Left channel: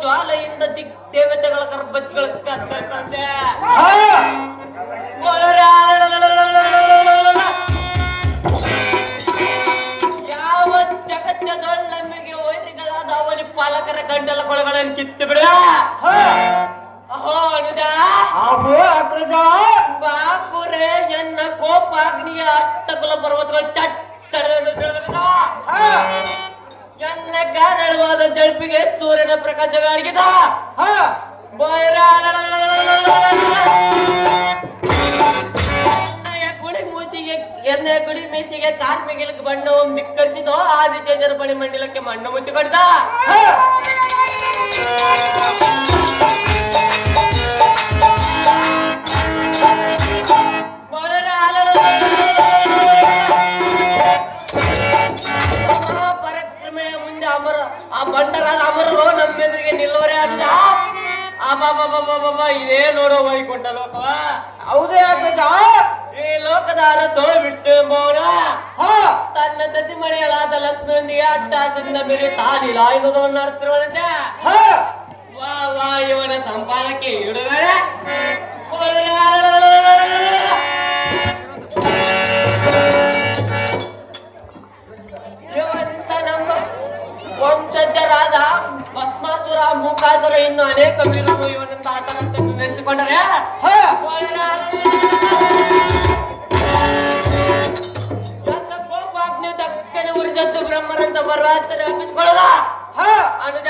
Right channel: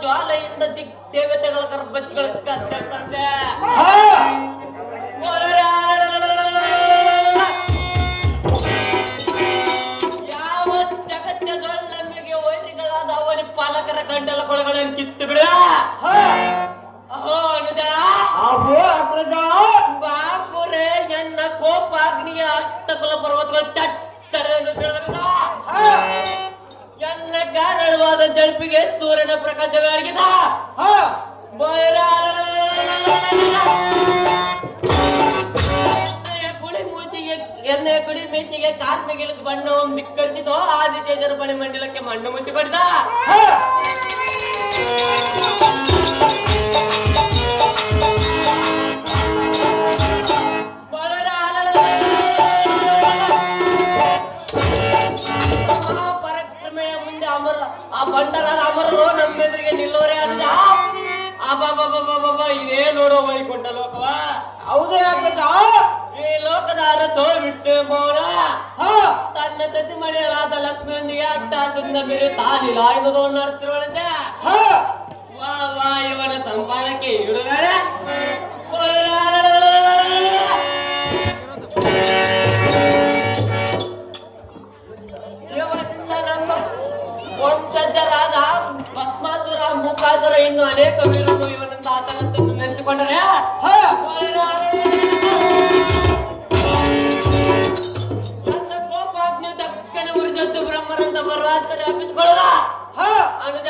ಜ್ವಾಲೆಯಿಂದ ದೇವತೆಗಳ ಗರ್ಭಗಳ ಯಾವ ಜಗತ್ತದೊಳ್ಳಮ್ಮೆಗೆ ವೈರಿಗಳಾದ ಅವನ ಪಾಲಕರ ಗಂಡಲ ಕೊಳಗಳನ್ನು ಕಿತ್ತು ಬಿಡ. ಅನುಜ ಬಾಪುರೇ ಎನ್ನ ಕೋಪಾಗ್ನಿಯ ಅಷ್ಟಕುಲ ಪರ್ವತಗಳು ಎನ್ನ ಗಾರಳವಾದ ಜಡ್ಪಿಗೆ ಸೂರ್ಯನ ಪ್ರಕಾಶವೇ ಅಡಗಿದ. ಎನ್ನ ಗುಡಿ ಮೇಸಿಗೆ ಕಾರ್ಮಿಕರಿಗೆ ಬಣ್ಣವನ್ನು ಧಿಕ್ಕರಿಸಿದೋ ಆದಿಶೇಷರ ಬಳಿ ಮಂಡಲಕ್ಕೆ ಮಣ್ಣು ಮುತ್ತಿ ಕೊಡ್ದ. ಆ ಬಂಡರಾದ ಅಮರರು ನಮ್ಮೆದುರಿಗೆ ನಿಲ್ಲೋರೆ ಅಲ್ಲ. ಇದೇ ನೋಡೋ ವೈಕುಂಠ ಲೋಕವ. ಹೌದೇ ಅಗ್ರಜ. ಈ ಲೋಕದ ಅರಸೋ ವಿಷ್ಣು ಮೌನ ತನ್ನ ಸತಿ ಮಳೆಯಲಾದ ಲಕ್ಷ್ಮಿಯೊಂದಿಗೆ ಅಟ್ಟಾಸದಿಂದ ಮೇಲೆ ತಾಲಿಲ್ಲ ಎನ್ನುವುದನ್ನು ನಡೆಸಿರುವಂತೆ. ವಾ ವಾ ಇವನ ಸಂಪಾದಕ್ಕೆ ಇಡುಗಡೆ ವಂಶಜರಾದ ಭಸ್ಮಾಸುರ ಮೂಕಾಸುರ ಇನ್ನು ಅನೇಕ ವೀರರು ಇವನಂತ ಆತನಂತ ನೆನೆಸಿಕೊಂಡರೆ ನನ್ನ ಕೋಪಾಗ್ನಿ ದಕ್ಕನೆ ಉರಿದದ್ದು ಬ್ರಹ್ಮರಂತ ಬರುವಂತ ಅಪ್ಪಿಸಿಕೊಳ್ಳದ. ಅನುಜ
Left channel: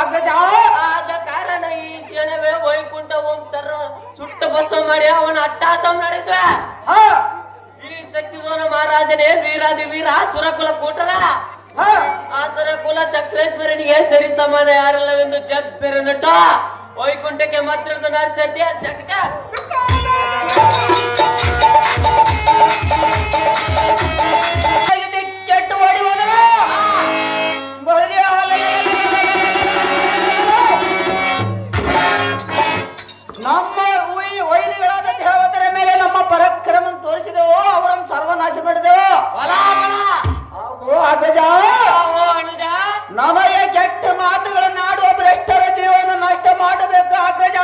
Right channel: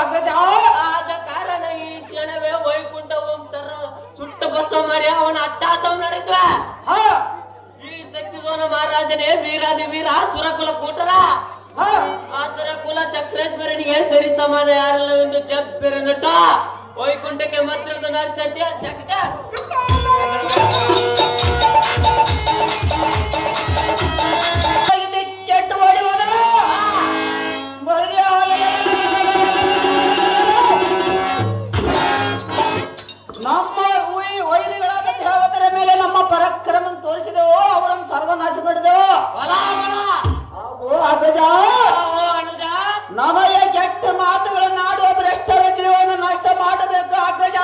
ಅಗ್ರಜ. ಆದ ಕಾರಣ ಈ ಕ್ಷಣವೇ ವೈಕುಂಠ ವಂಶರ ಸುಟ್ಟ ಭಸ್ಮ ಮಾಡಿ ಅವನ ಅಟ್ಟಾಸಂ ನಡೆಸುವ. ಈ ಶಕ್ತಿಧೋನ ಮಹಾರಾಜನೇ ವೀರಾದಿ ವೀರ ಸುರಕುಲ ಕೂಟದ ಆತರ ಕುಲ ಚಕ್ರೇಶ್ವರನಿಗೆ ಸರಿ ಸಮಾನ ಯಾರಿಲ್ಲವೆಂದು ಜಬ್ಬೆರ ನಟ ವೈಕುಂಠಕ್ಕೆ ಮಾತ್ರ ನರಸತ್ಯ ಜಗತ್ತ ಕೆಟ್ಟು ಓಡಿ ಹೋದರು. ನಮ್ಮ ವೈರಿಗಳಾದ ದೇವತರ ಮೇಲೆ ನಮ್ಮ ಪರಾಕ್ರಮ ತೋರಿಸಿದೆವು, ಅವರನ್ನು ಸರ್ವನಾಶ ಮಾಡಿದೆವು. ಅಗ್ರಜ, ನಮಗೆ ಕೆಟ್ಟ ಮಾತುಗಳನ್ನಾಡುವ ಭ್ರಷ್ಟರ ಜೀವನ ನಷ್ಟ ಮಾಡಬೇಕು ಅಗ್ರಜ.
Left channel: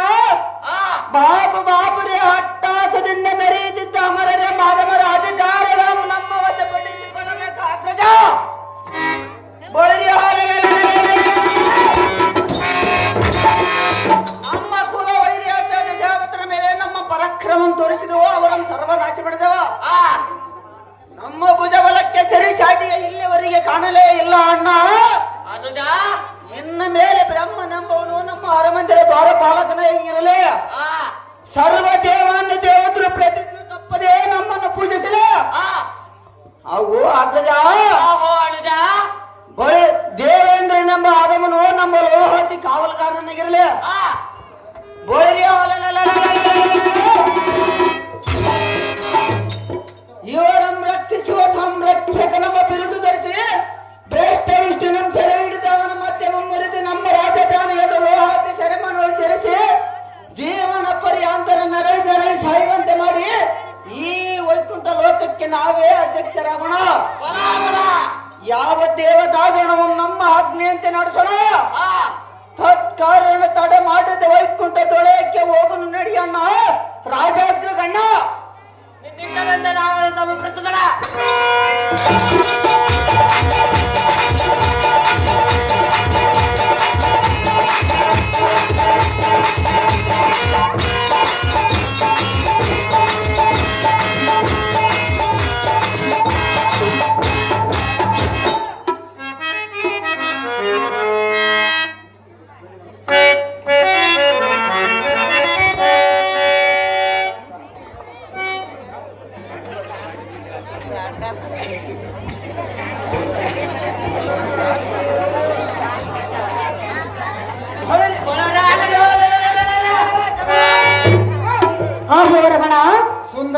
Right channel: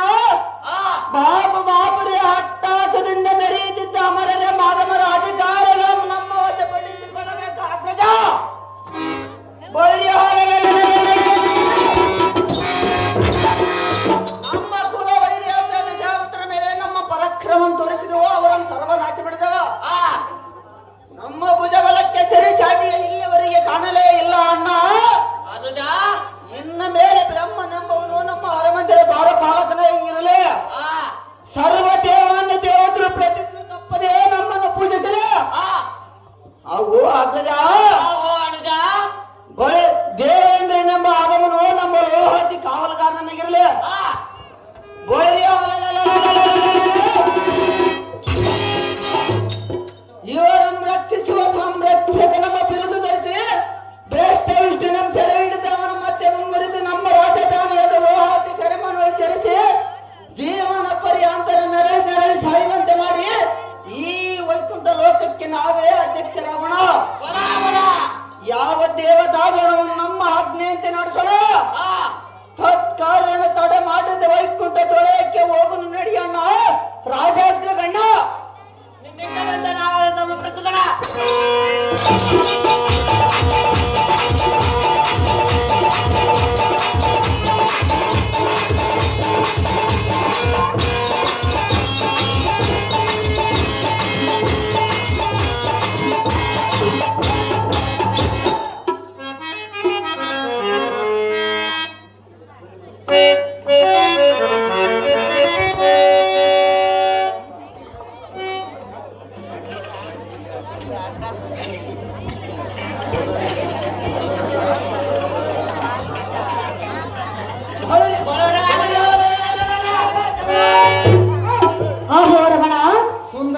ಬಾಪುರೇ ಹಟ್ಟಾಸದಿಂದ ಮೆರೆಯುತ್ತಿದ್ದ ಅಮರರೇ ಮಾಧವರ ಅಧಿಕಾರಗಳನ್ನು ನಮ್ಮ ವಶಪಡಿಸಿಕೊಳ್ಳಬೇಕು ಅಗ್ರಜ. ನಮ್ಮ ಕುಲ ವೈರಿಯಾದ ದೇವತರ ಮೇಲೆ ನಮ್ಮ ಪರಾಕ್ರಮ ತೋರಿಸಿದೆವು, ಅವರನ್ನು ಸರ್ವನಾಶ ಮಾಡಿದೆವು. ನಮ್ಮ ಭುಜಬಲಕ್ಕೆ ಸರಿ ಸಾಟಿಯ ಇಲ್ಲಿವರೆಗೆ ಕಾಣಲೇ ಇಲ್ಲ ಅಣ್ಣ. ಅನುಜ, ಇನ್ನ ಮೇಲೆ ಬ್ರಹ್ಮನೆಂಬವನು ನಮ್ಮ ಅರಮಂದಿರ ದ್ವಾರಪಾಲಕನೇ ಇರಲಿ. ಸರ್ವ ದೇವಾನ್ನ ದೇವತರು ಪ್ರತಿದಿನ ತಪ್ಪದೇ ನಮ್ಮನ್ನು ಪೂಜಿಸಲಿ. ಅವು ಅಗ್ರಜ. ಅನುಜ, ದೇವೇಂದ್ರನೆಂಬ ಆದವನು ನಮ್ಮ ಲೋಹತಿ ಕಾವಲುಗಾರನಾಗಿರಲಿ. ಇವರನ್ನು ರಕ್ಷಿಸುವ ಸಂರಕ್ಷಕ ನಮ್ಮ ಬಿರುದು ಧರಿಸಿ ಶ್ರೇಷ್ಠ ವಿಷ್ಣು ನಮ್ಮ ಸೆರೆ ಹಿಡಿದವನ ಮಧ್ಯಮ ಮುರಿದು ನಮ್ಮ ರಾಜಧಾನಿಯಾದ ಲೋಹಾತಿ ಸೆರೆಮನೆ ಸೇರಿಸಿ ಜೀವನ ಪರ್ಯಾಂತರ ನರಳಿ ಸಾಯುವಂತೆ ಮಾಡಿ ಈ ವೈಕುಂಠ ಲೋಕಕ್ಕೆ ನಾವೇ ಅಧ್ಯಕ್ಷರಾಗೋಣ. ಯಾವ ದೇವದಾಗಣವನ್ನು ನಮ್ಮ ಆಜ್ಞೆಯಂತೆ ನಡೆಸೋಣ. ತತ್ಕಾರಣ ತಡೆ ಮಾಡದ ವೈಕುಂಠ ದೊಳೆಯಕ್ಕೆ ಹೋಗಲು ನಡೆಯಣ್ಣ ರಾಜಾಗ್ರಗಣ್ಣ. ಪ್ರಸ್ತುತ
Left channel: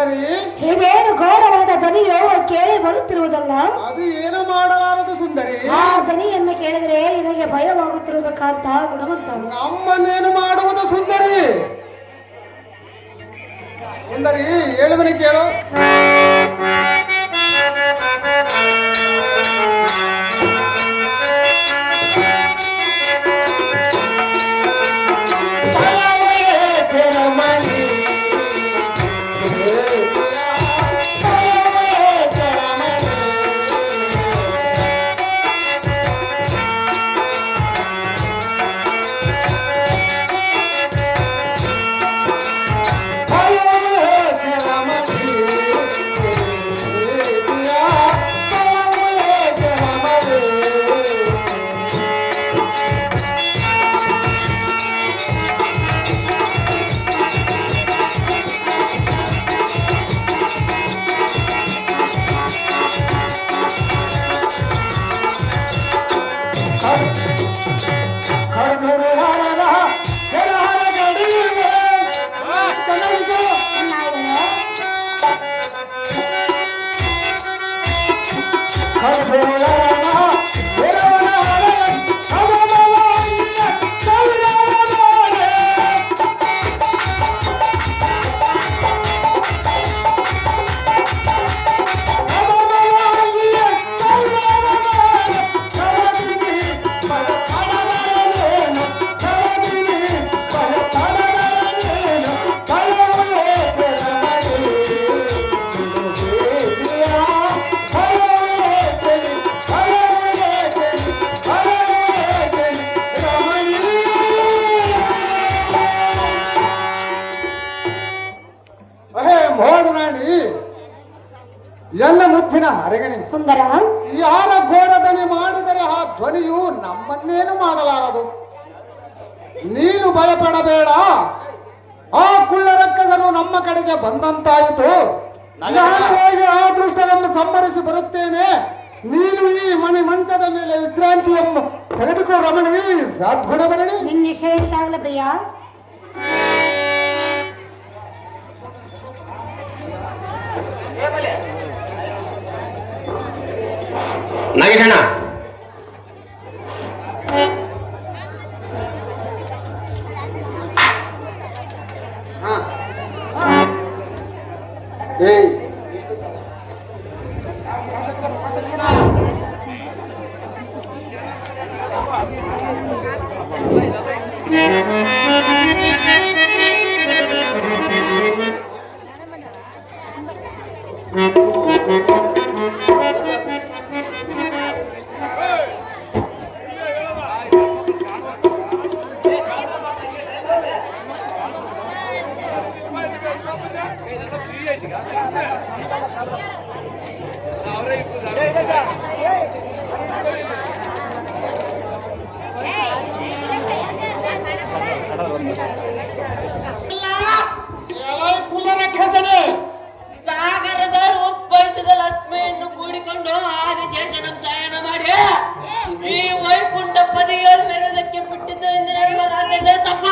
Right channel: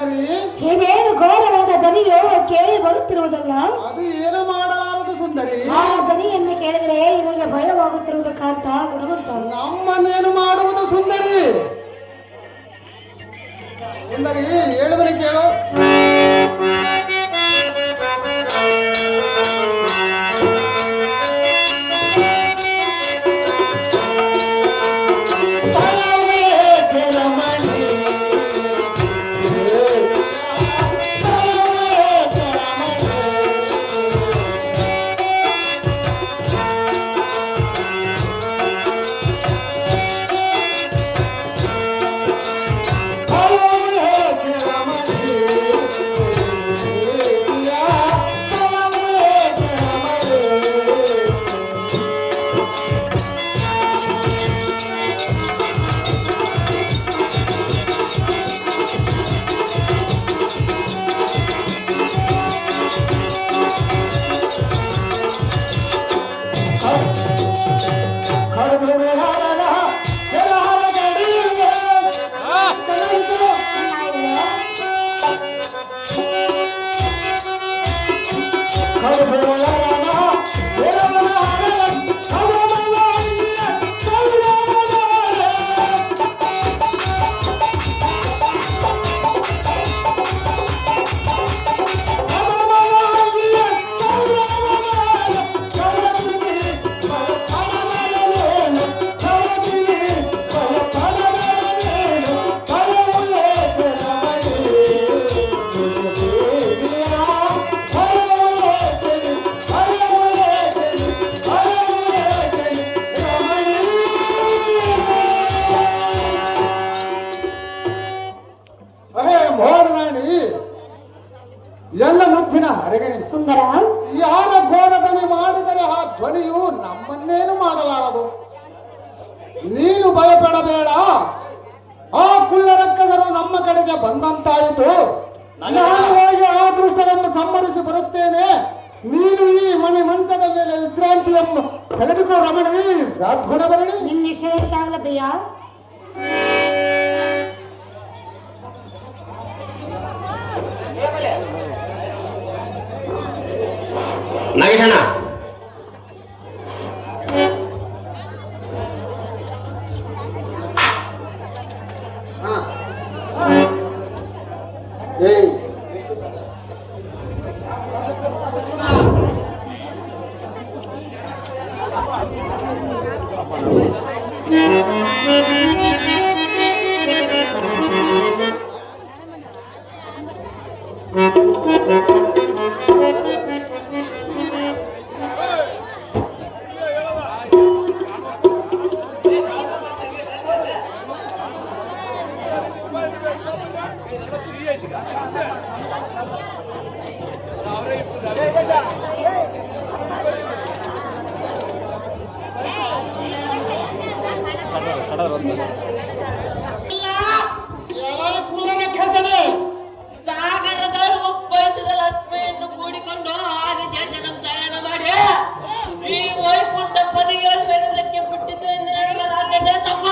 ಸುಂದರಿ, ಇದೇನು ಘೋರವಾದ ಧ್ವನಿಯು ಕೇಳಿ ಬರುತ್ತಿರುವುದಲ್ಲ? ಅದು ಏನು ಮಾಡಲಾರದು ಸುಂದರಿ. ಆ ಧ್ವನಿಯನ್ನು ಕೇಳಿದರೆ ನಿನಗೆ ಭಯವಾಗುತ್ತಿರುವುದು ಕಾಂತ ಗುಣವಂತ. ನಮ್ಮನ್ನೇನು ಮಾಡುವುದು ಸುಂದರಿ? ಸುಂದರಿ ಹೇಳುವನೆ ಕೇಳು. ಎಲ್ಲ ಮುತ್ತಿನ ಅರಗಣಿ ಸುಂದರ, ಯಾರ ಘೋರದನೆ ಮಾಡಿದರೆ ಆ ಧ್ವನಿಯು ನಮ್ಮನ್ನೇನು ಮಾಡಲಾರದು. ನೀನು ಭಯಪಡಬೇಡ. ಆ ಕುಳ್ಳರಕ್ಕದರು ನಮ್ಮ ಕಡೆಗೆ ಬಂದಂತಾಯಿತು. ನಾನು ಹೋಗಿ ಆ ದೃಷ್ಟರನ್ನು ಸಂಹರಿಸಿ ಬರುತ್ತೇನೆ. ನೀನು ಈ ಮಂಚದ ಮೇಲೆ ವಿಶ್ರಾಂತಿಯನ್ನು ತೆಗೆದುಕೋ ರಮಣಿ. ಸಾಧ್ಗುಣ ಬರಣಿ. ನಿನ್ನ ನಿಶ್ಚಯಕ್ಕಾಗಲ್ಲ ಪ್ರಿಯ. ನಾಗೇಶಣ್ಣ, ಸಾಗರದಳು ಒಪ್ಪಳಿಸಿದ ಲಕ್ಷ್ಮಿಯನ್ನು ಕೂಡಿಕೊಂಡು ಆದಿಶೇಷನ ಚಾಯನ ಮಾಡಿ ಈ ವೈಕುಂಠ ಪದವಿಗಳು ಮೆರೆದಕ್ಕೆ ಬಿಟ್ಟಿದ್ದರಿಂದ ನಮ್ಮ ರಾಜ್ಯದ ತಮ್ಮ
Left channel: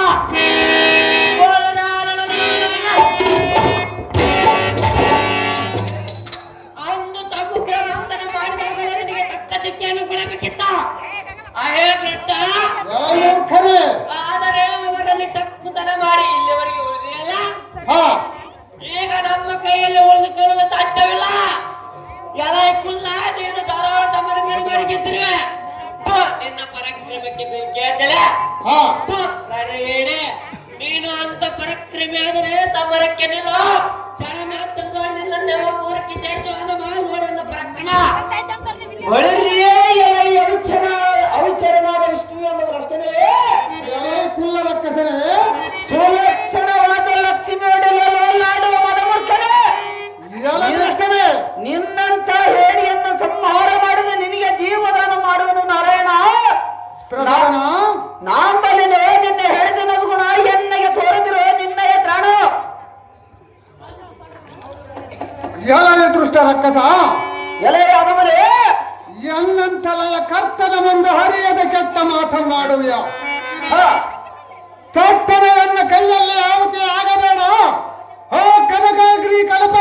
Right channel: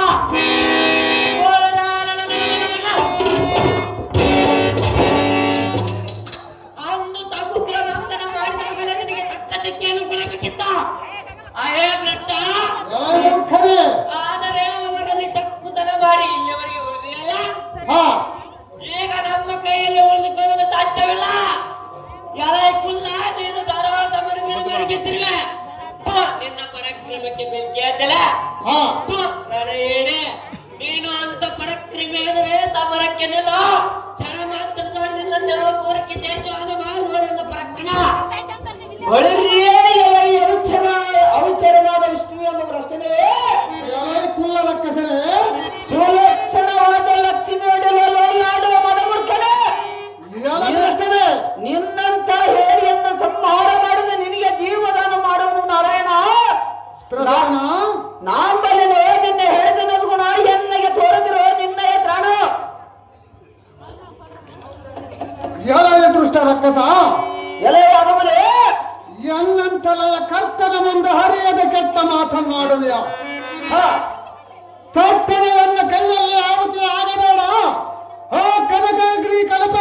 ಅಂದು ಸಮುದ್ರ ಮಂಥನ ಮಾಡಿದಾಗ ನಿನಗೆ ತಕ್ಕ ಶಿಕ್ಷೆಯನ್ನು ಕೊಡಬೇಕಿತ್ತ. ಅಹೇ ಭ್ರಷ್ಟ, ಆದರೆ ಅವರಲ್ಲಿ ಟಕ್ಕುತನ ಮಾಡಿ ಇಲ್ಲಿವರೆಗೆ ಉಳಿದಿಲ್ಲ. ಈಗ ನಮ್ಮ ಕೈಯಲ್ಲಿ ಉಳಿದುಕೊಳ್ಳಲು ಸಾಧ್ಯವಿಲ್ಲ. ಎಲೆ ಕುಲ್ಲ, ನೀನು ಧಾರವಾಡ ಮರಗಳು ಮಾಡಿ ಗೆದ್ದಿರುವೆ. ನಿನ್ನ ಪರಾಕ್ರಮಕ್ಕೆ ಬೆಂಕಿ ಹಚ್ಚಲ. ನೀನು ಅಂತ ಪರಾಕ್ರಮಿ ಆದರೆ ಸಮರಕ್ಕೆ ನಿಲ್ಲು. ಕ್ಷಣ ಮಾತ್ರದ ನಿನ್ನ ಪೂರಕ್ಕೆ ಜಯಿಸುವಾದ ಮಾಲ್ವಾಡನ ಪರಾಕ್ರಮ. ಅವಿಚರನಾದ ವಿಷ್ಣು ಎಂಬ ರಚನೆ ಸುಲಕ್ಷಣವಾದ ಲಕ್ಷ್ಮಿ ಒಡೆಯಲಾಡುವ ಮದಮೂರ್ಖನೇ, ನಿನ್ನಂತ ಹೇಡಿಯನ್ನು ಸಂಹಾರ ಮಾಡಿದ ನಿನಗೆ ಜೀವದಾನ ಮಾಡುವನು ನಾರಾಯಣ. ನಾಂಬಲಿನೇ ನಿನ್ನೆ ಹೇಳಿದ ಗುಣ ಎನ್ನಗೆ ತೋರದಿರೋ ನಿನ್ನಯ ತ್ರಾಣ. ಎಲವೇ ದೃಷ್ಟ ರಕ್ಕಸ, ಎಲೆಯ ಅನುಮರೇ, ಎಲ್ಲಂತಲೆಯ ಕರ್ತನ ಮುಂದೆ ಹರಿಯದ ಕೆಟ್ಟ ಮಾತನ್ನಾಡುವೆಯ. ತಪ್ಪನವನ್ನು ಕೈಯಲ್ಲಿ ಆಹುತಿ ಆಗಬೇಡ. ಆ ಕನಕಾಗ್ರಿ ಕಲಪ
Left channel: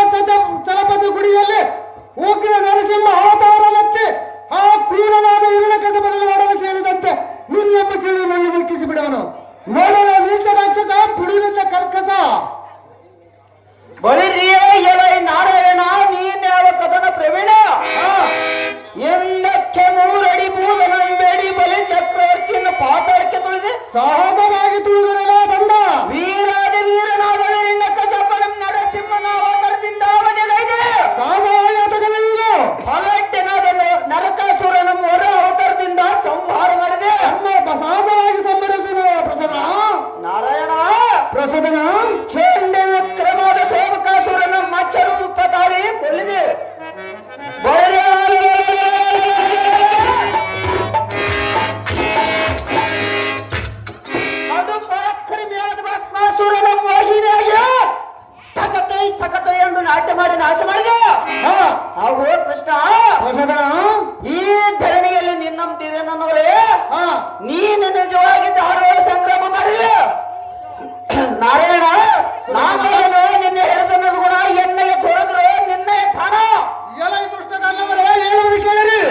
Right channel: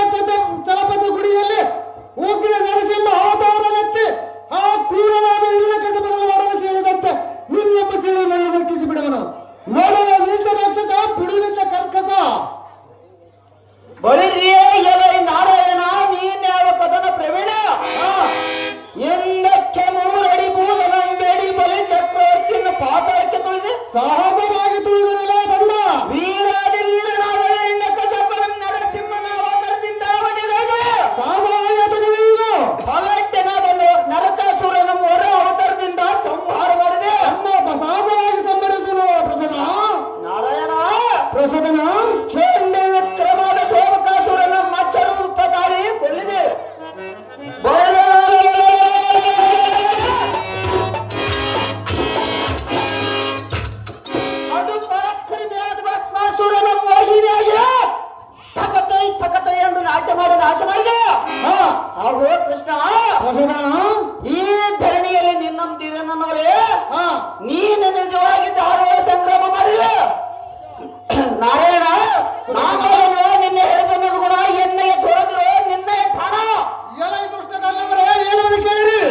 ನಾಶ ಮಾಡಿದ ಹಾ ಹಾಗೂ ಕೃಷ್ಣ ಹೊಸದನ ಈ ಧರಣಿಯಲ್ಲಿ ನಿನ್ನಂತೀರಿ ನನ್ನವರೇ ಹಾ ನೀನು ನಿಜವಾಗಿ ಧಾರವಾಡ ಸಂಕ್ರಮ ಮಾಡಿದೆ ನಾರಾಯಣ ನಾಗೇನು ನಿನ್ನೆ ಹಿಡಿದನ್ನದು ಗುಣ ಎಣ್ಣೆಯ ತೊರೆದ್ರು ನಿನ್ನೆ ತಾಣ ಎಲ್ಲ ದುಷ್ಟದಲ್ಲವರೇ ಹೇಳುವುದು ಕೇಳಿರಿ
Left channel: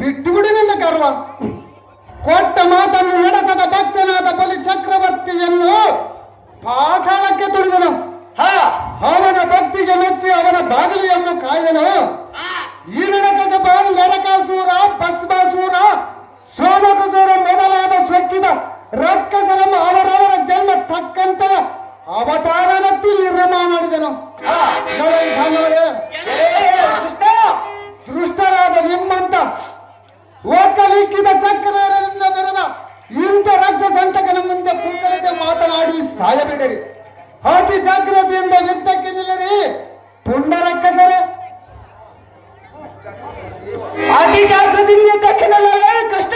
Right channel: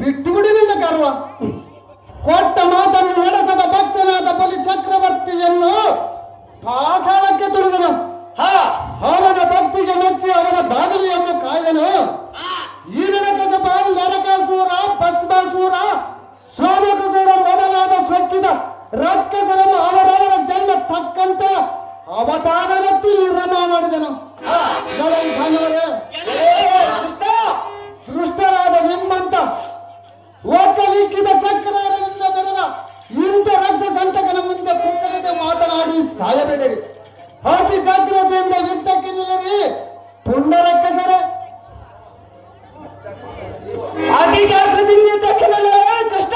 ಬಿಟ್ಟು ಬಿಡಿ ನಿನ್ನ ಗರ್ವ ಕೊಟ್ಟ ಮಾತನ್ನು ನಡೆಸದ ಭಕ್ತನಾದ ಬಲಿ ಚಕ್ರವರ್ತಿಯನ್ನು ಪಾತಾಳಕ್ಕೆ ತುಳಿದನು ಅವನ ಭಕ್ತಿಗೆ ಮೆಚ್ಚಿ ಅವನ ಬಾಗಿಲಿಯನ್ನು ಕಾಯ್ದನು ಈ ಬಾಲ್ ನರಕಾಸೂರ ಭಸ್ಮಾಸೂರ ಸೋಮಕಸೂರ ಮೊದಲಾದ ಸೊಕ್ಕಿದ ರಕ್ಕಸರನ್ನು ಅವರವರ ಜನ್ಮ ತಕ್ಕಂತ ಅವತಾರನತ್ತಿ ನಿರ್ಮಾಣ ಮಾಡಿದನು ದೃಷ್ಟರಾದ ನಿಮ್ಮಂತ ಒಕ್ಕಲಿಕ್ಕಿದ ಚಕ್ರರಿಂದ ಬೆರೆದ ಇಂಥ ರಾಕ್ಷಸಂತಕನ ಮುಂದೆ ಕುಕ್ಕಲಿಗೆ ಮಾತನಾಡಿ ಸಾಯಬಿಡರಿ ಅತಿ ಜಾಗ್ರತೆಯಿಂದ ಯುದ್ಧಕ್ಕೆ ನಿಲ್ಲರಿ ಪುಂಡರಕ್ಕಸರೇ ಅತಿ ಜಾಗೃತಿಯಿಂದ ಯುದ್ಧಕ್ಕೆ ನಿಲ್ಲರೆ ಕೃಷ್ಣ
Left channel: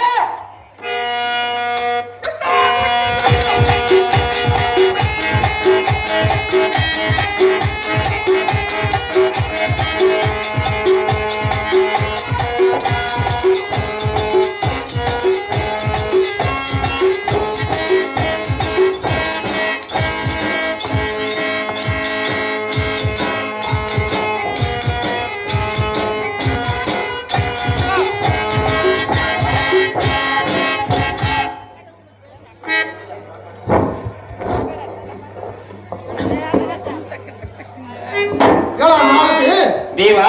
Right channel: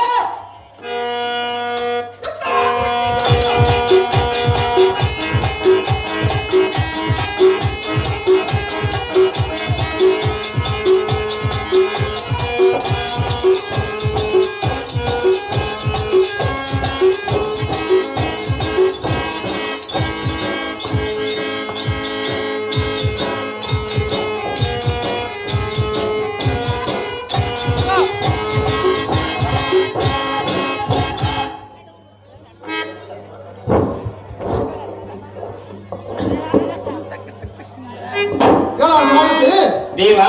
ದೇವ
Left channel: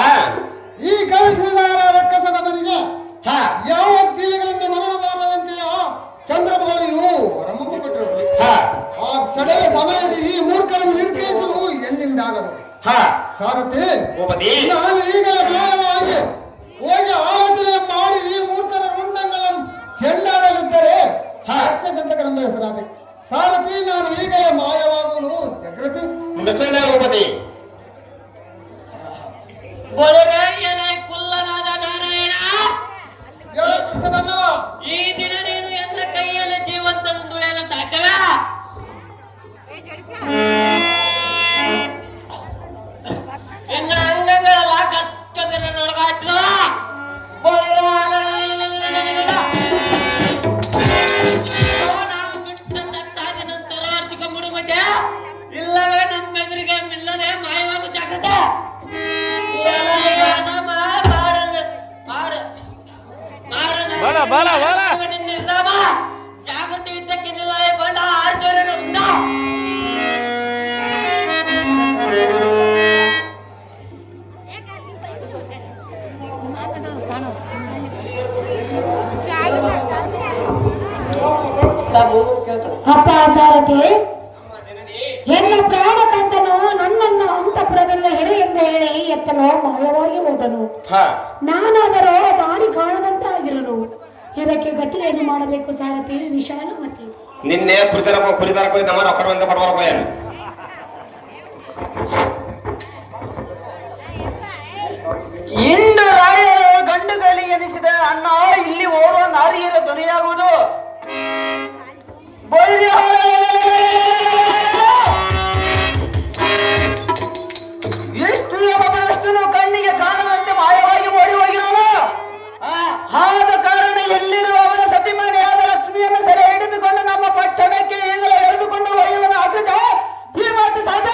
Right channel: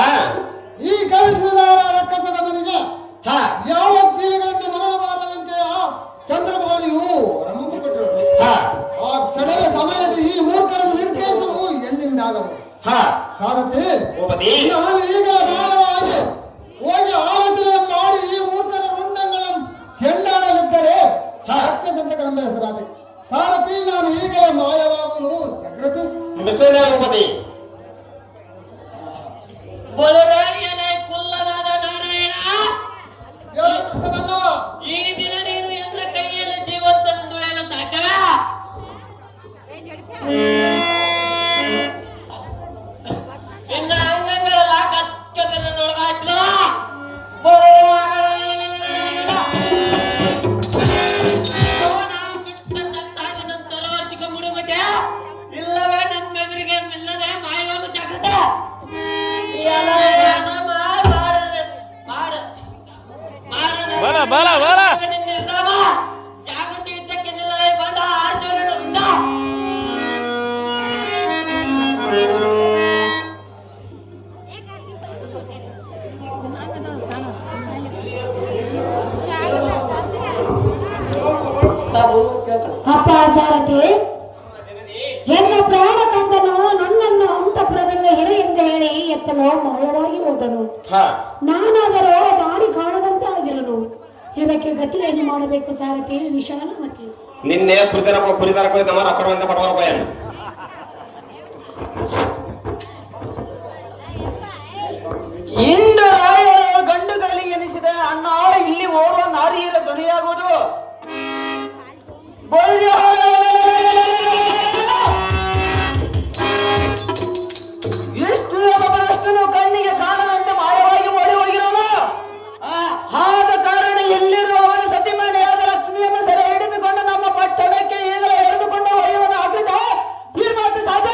ಈ ಕವಿಠಾರ ರಕ್ಕಸದ ಮನೆಗೆ ಯಾವ ಜೀವಿಗಳಿಂದ ಮರಣಬಾರದಂತೆಯ ಚಂದ್ರಬಾಳಿಯು ರಮಮ್ಮ ಕೊಟ್ಟಿರುವುದು ಆ ಕ್ಷಣದ ಸಮಯದ ಈ ಮೂರ್ಖರನ್ನು ನಿರ್ದೇಶಿಸಲು ಎಲ್ಲಿಂದಾಗದು ಸಾರಥಿ ನಾನು ಈಗ ನ್ಯಾಯವಾಗಿ ಹೋಗಿ ಆಲೋಚನೆ ಮಾಡಿ ಈ ಮೂರ್ಖರ ರುಂಡಗಳನ್ನು ಚೆಂಡಾಡಲಿದ್ದರೆ ರಾಕ್ಷಸಂತಕರೆಂಬ ಹೆಸರಾದೆ ಸಾರಥಿ ನಾನು ಈಗಲೇ ಮಾಯವಾಗುವುದು ಜಾಗೃತಿ ಕುಲ್ಲನಾದ ನಾರಾಯಣ ಈ ದಿನ ನೀನು ಎನ್ನ ಕೈಯಲ್ಲಿ ಜೀವಂತದಿಂದ ಉಳಿಯಲು ಸಾಧ್ಯವೇ ನಿನ್ನ ಅಂಗಗಳೆಲ್ಲ ಕಕ್ಕದನ್ನು ನೋಡಗಾಯ್ತದ ಬಿಟ್ಟ ಚಟ್ಟಾದ ನಂತರ ಅರ್ಚಿಕೊಂಡ್ಬಿಡು ಮತ್ತೆ ಇಲ್ಲವೇ ನಮ್ಮೆದುರಿಗೆ ಇಲ್ಲದೆ ಮಾಯವಾಗು ಜಾಗ್ರತೆ ಜಾಗೃತಿ ಯುದ್ಧಕ್ಕೆ ನಿಲ್ಲಲೇ ಬಂಡ ಆರ್ಜೋರಣ್ಣ ಅಪ್ಪ ಸಾರಥಿ ಎನ್ನ ಪ್ರಾಣ ಕಂದನು ಗಂಡನು ಮಾಯವಾಗಿ ಹೋದನು. ಹಾ ನಾನಾದರೂ ದಾರಿ ಕಾಣದಂತಾಗಿರಲು ಇದಕ್ಕೆ ಗತಿಯನ್ನು ಮಾಡಬೇಕು ಸಾರಥಿ ವಿಶಾಲಮತಿ. ನಿನ್ನೆ ಕುರಿತರಕ ನಮ್ಮ ರೊಕ್ಕದಿಂದ ಪಡವರಪ್ಪ ಏನು ಇಂದು ರಾಯರ ಗಂಡುಗಳಿಗೆ ಎನಿಸಿದ ಅಣ್ಣ ಇಲ್ಲಿ ಓರ್ವ ನಾರಿಯರ ಧ್ವನಿಯಾಗುವುದು. ಎಷ್ಟು ಎಂಬುದಷ್ಟು ಕಣ್ಣಿಗೆ ಕಾಣದಂತೆ ಮಾಯವಾಗಿ ಓಡಿ ಹೋಗಿರೋನು. ಆದ ಕಾರಣ ಎಲ್ಲಿರುವ ಅವನ ಸತಿಮನೆಯಾದ ಲಕ್ಷ್ಮಿಯನ್ನು ಸೆರೆ ಹಿಡಿದುಕೊಂಡು ನಮ್ಮ ಪಟ್ಟಣಕ್ಕೆ ಈಗಲೇ ಎಳೆದುಕೊಂಡು ಒಯ್ಯುವನ ಆಗದ ಈ ಮಾತು ಸಾಧ್ಯ.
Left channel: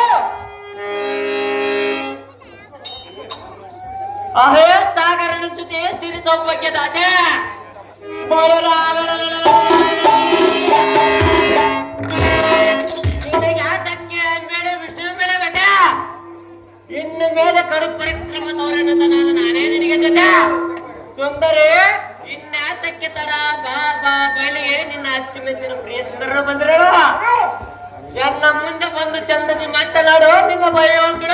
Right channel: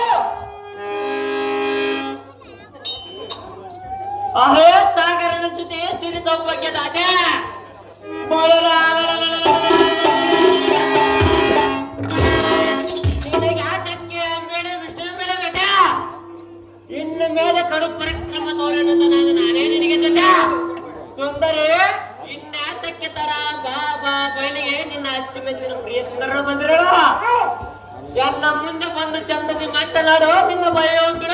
ಅಹೇ ಸಾಗರನ ಸುದ್ದಿ ಸಿರಿ ಸೌಭಾಗ್ಯದಾತ ಯಾತಕ್ಕೆ ಮೇಲೆ ವಿಷ್ಣು ಮೇಲೆ ಬೇಕ ಇನ್ನು ಮೇಲೆ ಕಡು ಪರಿಕ್ರಮ ಸೌರಣದ ನಾನೇ ನಿನಗೆ ಜೊತೆ ಸುಂದರಿ ಇನ್ಯಾತಕ್ಕೆ ತಡ ಬಾ ಬಾ ಬಯಲಿಗೆ ನಿನ್ನ ಅಚ್ಚುಮೆಚ್ಚಿನ ಪ್ರಿಯ ಸುಂದರನ ಬಂದ್ರು ಎನ್ನ ಮುಂದೆ ಬಂದು ಚಂದದ ಮಾತನಾಡು ನಿನ್ನ ಭಯ ಬಿಡ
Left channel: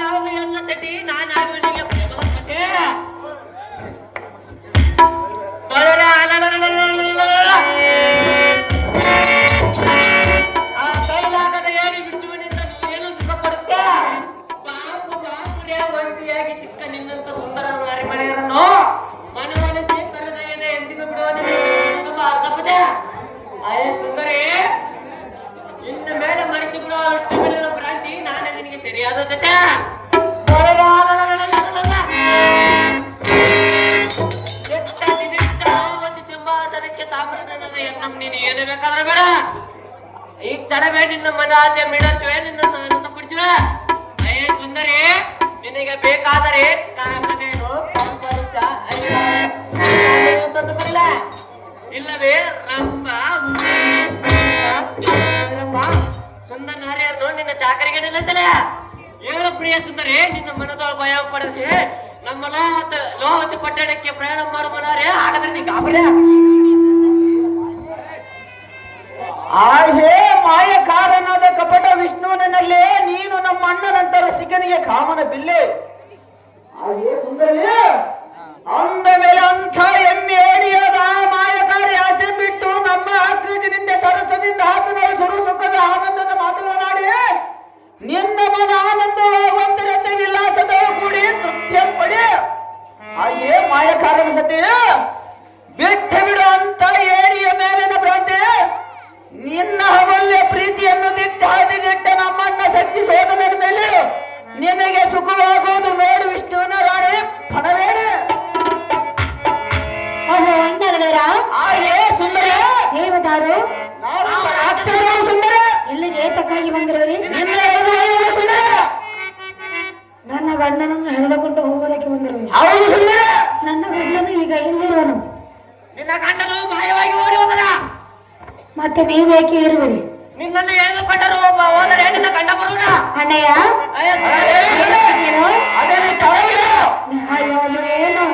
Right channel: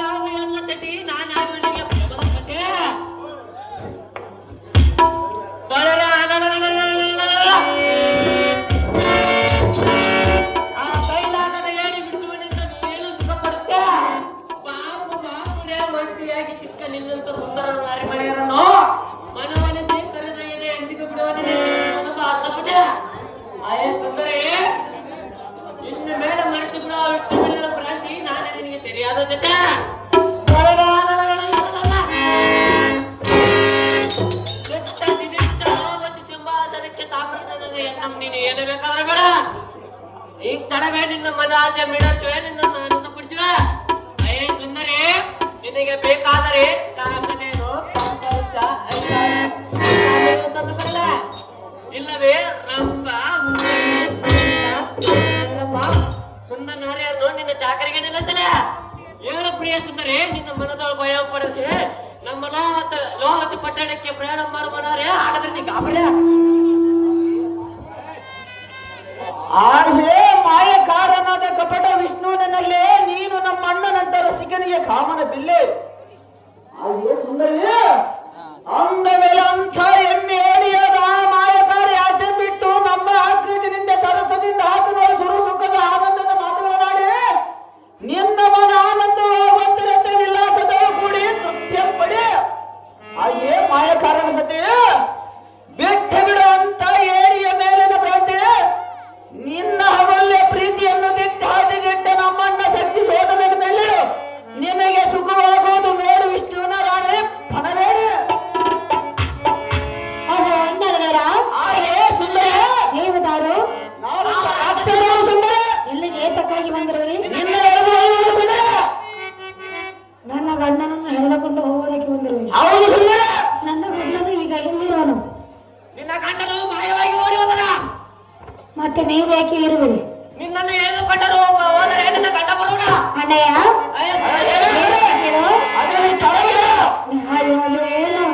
ನಾವು ಎಲ್ಲ ತಟಿ ನಾನಾಗ ನಿನಗೆ ಪ್ರೇಮಪತೆ ಆ ಕೈಲಾಗದ ಏಡಿ ವಿಷ್ಣುವಿನಿಂದ ನೀನೇನು ಸುಖ ಪಡುತ್ತೆ ಬಾಪು ಬಾಪುರೇ ಒಂಟಿಯಾಗಿ ಸಿಕ್ಕ ನಿನ್ನಂತ ಸುಂದರ ನಾರಿಮಳೆಯನ್ನು ಮನವೊಲಿಸಿ ಕರೆದೊಯ್ಯದೆ ಎಂದಿಗೂ ಬಿಡುವ ಅರ್ಥಪದೆ ಅಯ್ಯ ಸುಂದರಿ ಇನ್ನು ಮೇಲೆ ಮರೆತು ಬಿಡುವ ವಿಷ್ಣು ಮೇಲಿನ ಭ್ರಾಂತಿ ನಾನೇ ನಿನಗೆ ಸರಿಯಾದ ಜೊತೆ ಸಿಂಹಾಸನಕ್ಕೆ ತಾಮ್ರದ ಎನ್ನ ನೀನು ಏನು ಬೇಕಾದ್ರೆ ಬೇಡ ಈಗ ತಡವೇ ನಿನ್ನ ಮನ ಆಸೆ ಮಿಡಸುವೆ ನಿನ್ನ ಆನಂದ ಪಡಿಸುವೆ ಅಯ್ಯ ಸುಂದರಿ ನಿನಗೆ ಬೇಕಾದರೆ ಕರಮನೇನು ತಂದುಕೊಳ್ಳ ಇಲ್ಲವೇ ರಂಪ ಸುಂದರ ನಾರಿಯರು ನಿನ್ನ ಚಾಕರಿಗೆ ನಿಲ್ಲಿಸಲ ಏಳು ಪ್ರಿಯ ಸುಂದರಿ ನಿನ್ನ ಮನದೊಳ ಭಯ ಪಡೆದೆ ನಮ್ಮ ಲೋಹವತಿ ಪಟ್ಟಣಕ್ಕೆ ಪ್ರಯಾಣ ಮಾಡುವನಾರೇ ಹಾಗಾದ್ರೆ ನೀ ಗಾಬರಿ ಹೇ ಮಾಯಕಾರನಾದ ಕಪಟ ವಿಷ್ಣುವಿನಲ್ಲೇ ನೀನು ನಮ್ಮ ಅಣ್ಣನಂತ ರಸಿಕನಿಗೆ ಕಾಮನ ಬಿಲ್ಲೆ ಸುಂದರಿ ಅಂದ ಮೇಲೆ ಅಂಥ ಎಮ್ಮೆ ಏಡಿಯಾದ ಮಾಯಕಾರಿ ಆಸೆ ಬಿಟ್ಟು ನಮ್ಮ ಆಕೃತಿನಿಂದ ಸರಸದಿಂದ ಆತನ ಸುರು ಸುಖದ ಆನಂದದ ಮಾತುಗಳನ್ನಾಡಿ ನಿನ್ನ ಮನ ಆನಂದವಾಗುವಂತಿರಂತೆ ವಿಲಾಸದವರು ಕೂಡಿ ನೃತ್ಯ ಪಡಿ ಅಯ್ಯೇ ಮಾಯಕಾರನ ಸತಿ ಬಿಟ್ಟು ಬಿಡು ಅಂತ ಏಡಿಯ ಮೇಲಿನ ಭ್ರಾಂತಿ ನಿನ್ನ ಅಮೂಲ್ಯ ಪ್ರೀತಿಯನ್ನು ಹಾದಿದಿಟ್ಟ ನಮ್ಮನ್ನ ಶಕ್ತಿ ಸೋದನ ಮೇಲೆ ನಿನಗೆ ಸುಖವಾಗುವುದು ನೋಡು ವಿಷ್ಣುವಿನ ರಾಣಿ ಪಣವೇ ಸುಂದರ ದೇವದಾರು ಸುಂದರ ಇಲ್ಲಿಗೆ ತಕ್ಕಾಗಿ ಬಂದಿರುವರಿ ಸುಂದರ ನನ್ನ ಗಂಡನನ್ನು ಎಳೆದುಕೊಂಡು ಹೋಗೋದಕ್ಕೆ ಬಂದಿರುವರಿ ಹೌದು ಸುಂದರ ನನ್ನ ಗಂಡನು ಈಗ ಎಲ್ಲಿರೋನು ನಿನ್ನ ಗಂಡನು ಮಾಯವಾಗಿ ಓಡಿ ಹೋದನ ಮತ್ತೆ ನೀವೇಕೆ ಇರುವಿರಿ ನಿನ್ನನ್ನು ಎಳೆದುಕೊಂಡರು ಹೋದರೆ ನಿನ್ನ ಗಂಡ ಬರೋಣ ಅಣ್ಣಯ್ಯ ಅದರಲ್ಲಿ ಸ್ಥಳವಿಲ್ಲ. ಅಯ್ಯೋ ಅದು ಏನು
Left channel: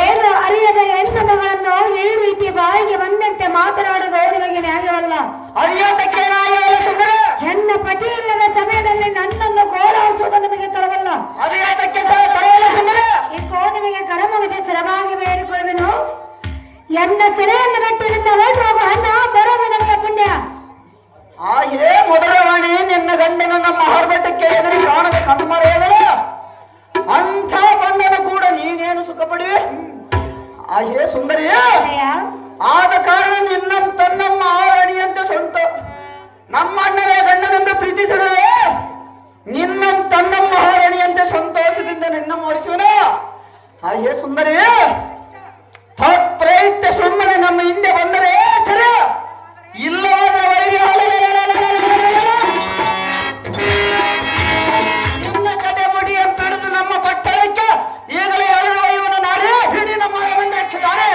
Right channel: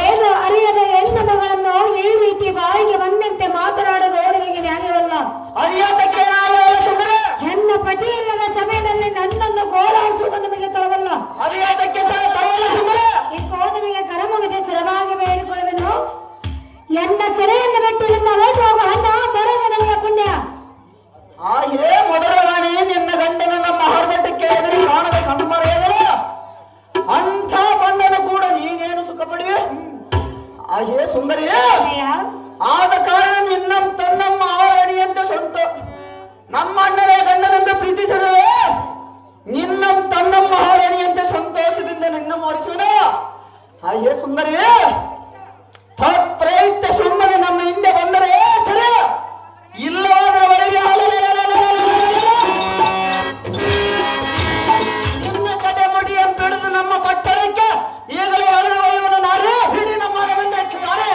ಏನು ಅರಿಯದ ಹೆಣ್ಣು ಮಗಳನ್ನು ಈ ರೀತಿ ಬಾಯಿಗೆ ಬಂದಂತೆ ಮಾತನಾಡೋದು ಅವರಿಗೆ ನ್ಯಾಯವಲ್ಲ. ಅರಿಯೋದಕ್ಕೆ ಹೆಣ್ಣ ಪತಿ ಇಲ್ಲದ ಸಮಯದಲ್ಲಿ ನನ್ನನ್ನು ಕೋಲಾರ ನಾನು ನಿನ್ನಂ ತನ್ನಮ್ಮ ಆರಣಿಯಂತೆ ಸ್ವಂತ ನಮ್ಮ ಅಣ್ಣನೇ ಗಂಡನೆಂದು ಪ್ರೀತಿಸಿದರೆ ನಿನ್ನಂ ತನ್ನಮ್ಮ ಆರಣಿಯಂತೆ ಸಂತೋಷದಿಂದ ನಿನ್ನ ಮಾಡಿಸುವನ ಹಾಗೆ ಸುಂದರಿ ಪ್ರಯುಕ್ತ ಸುಮ್ಮನೆ ನಮ್ಮ ಹಿಂದೆ ಬಂದರೆ ಸರಿ, ಇಲ್ಲವಾದರೆ ವೈರಿ ನಿನ್ನ ಕಡೆ ಮುಡಿಯ ಬಿಡಿದು ನಮ್ಮ ಪಟ್ಟಣಕ್ಕೆ ಈಗಲೇ ಅಳಿದ ವೈವನ ನಾಡಿ ಹಿಡಿ ನಮ್ಮ ಬಂದಿಟ್ಟಿದ್ದಾರೆ.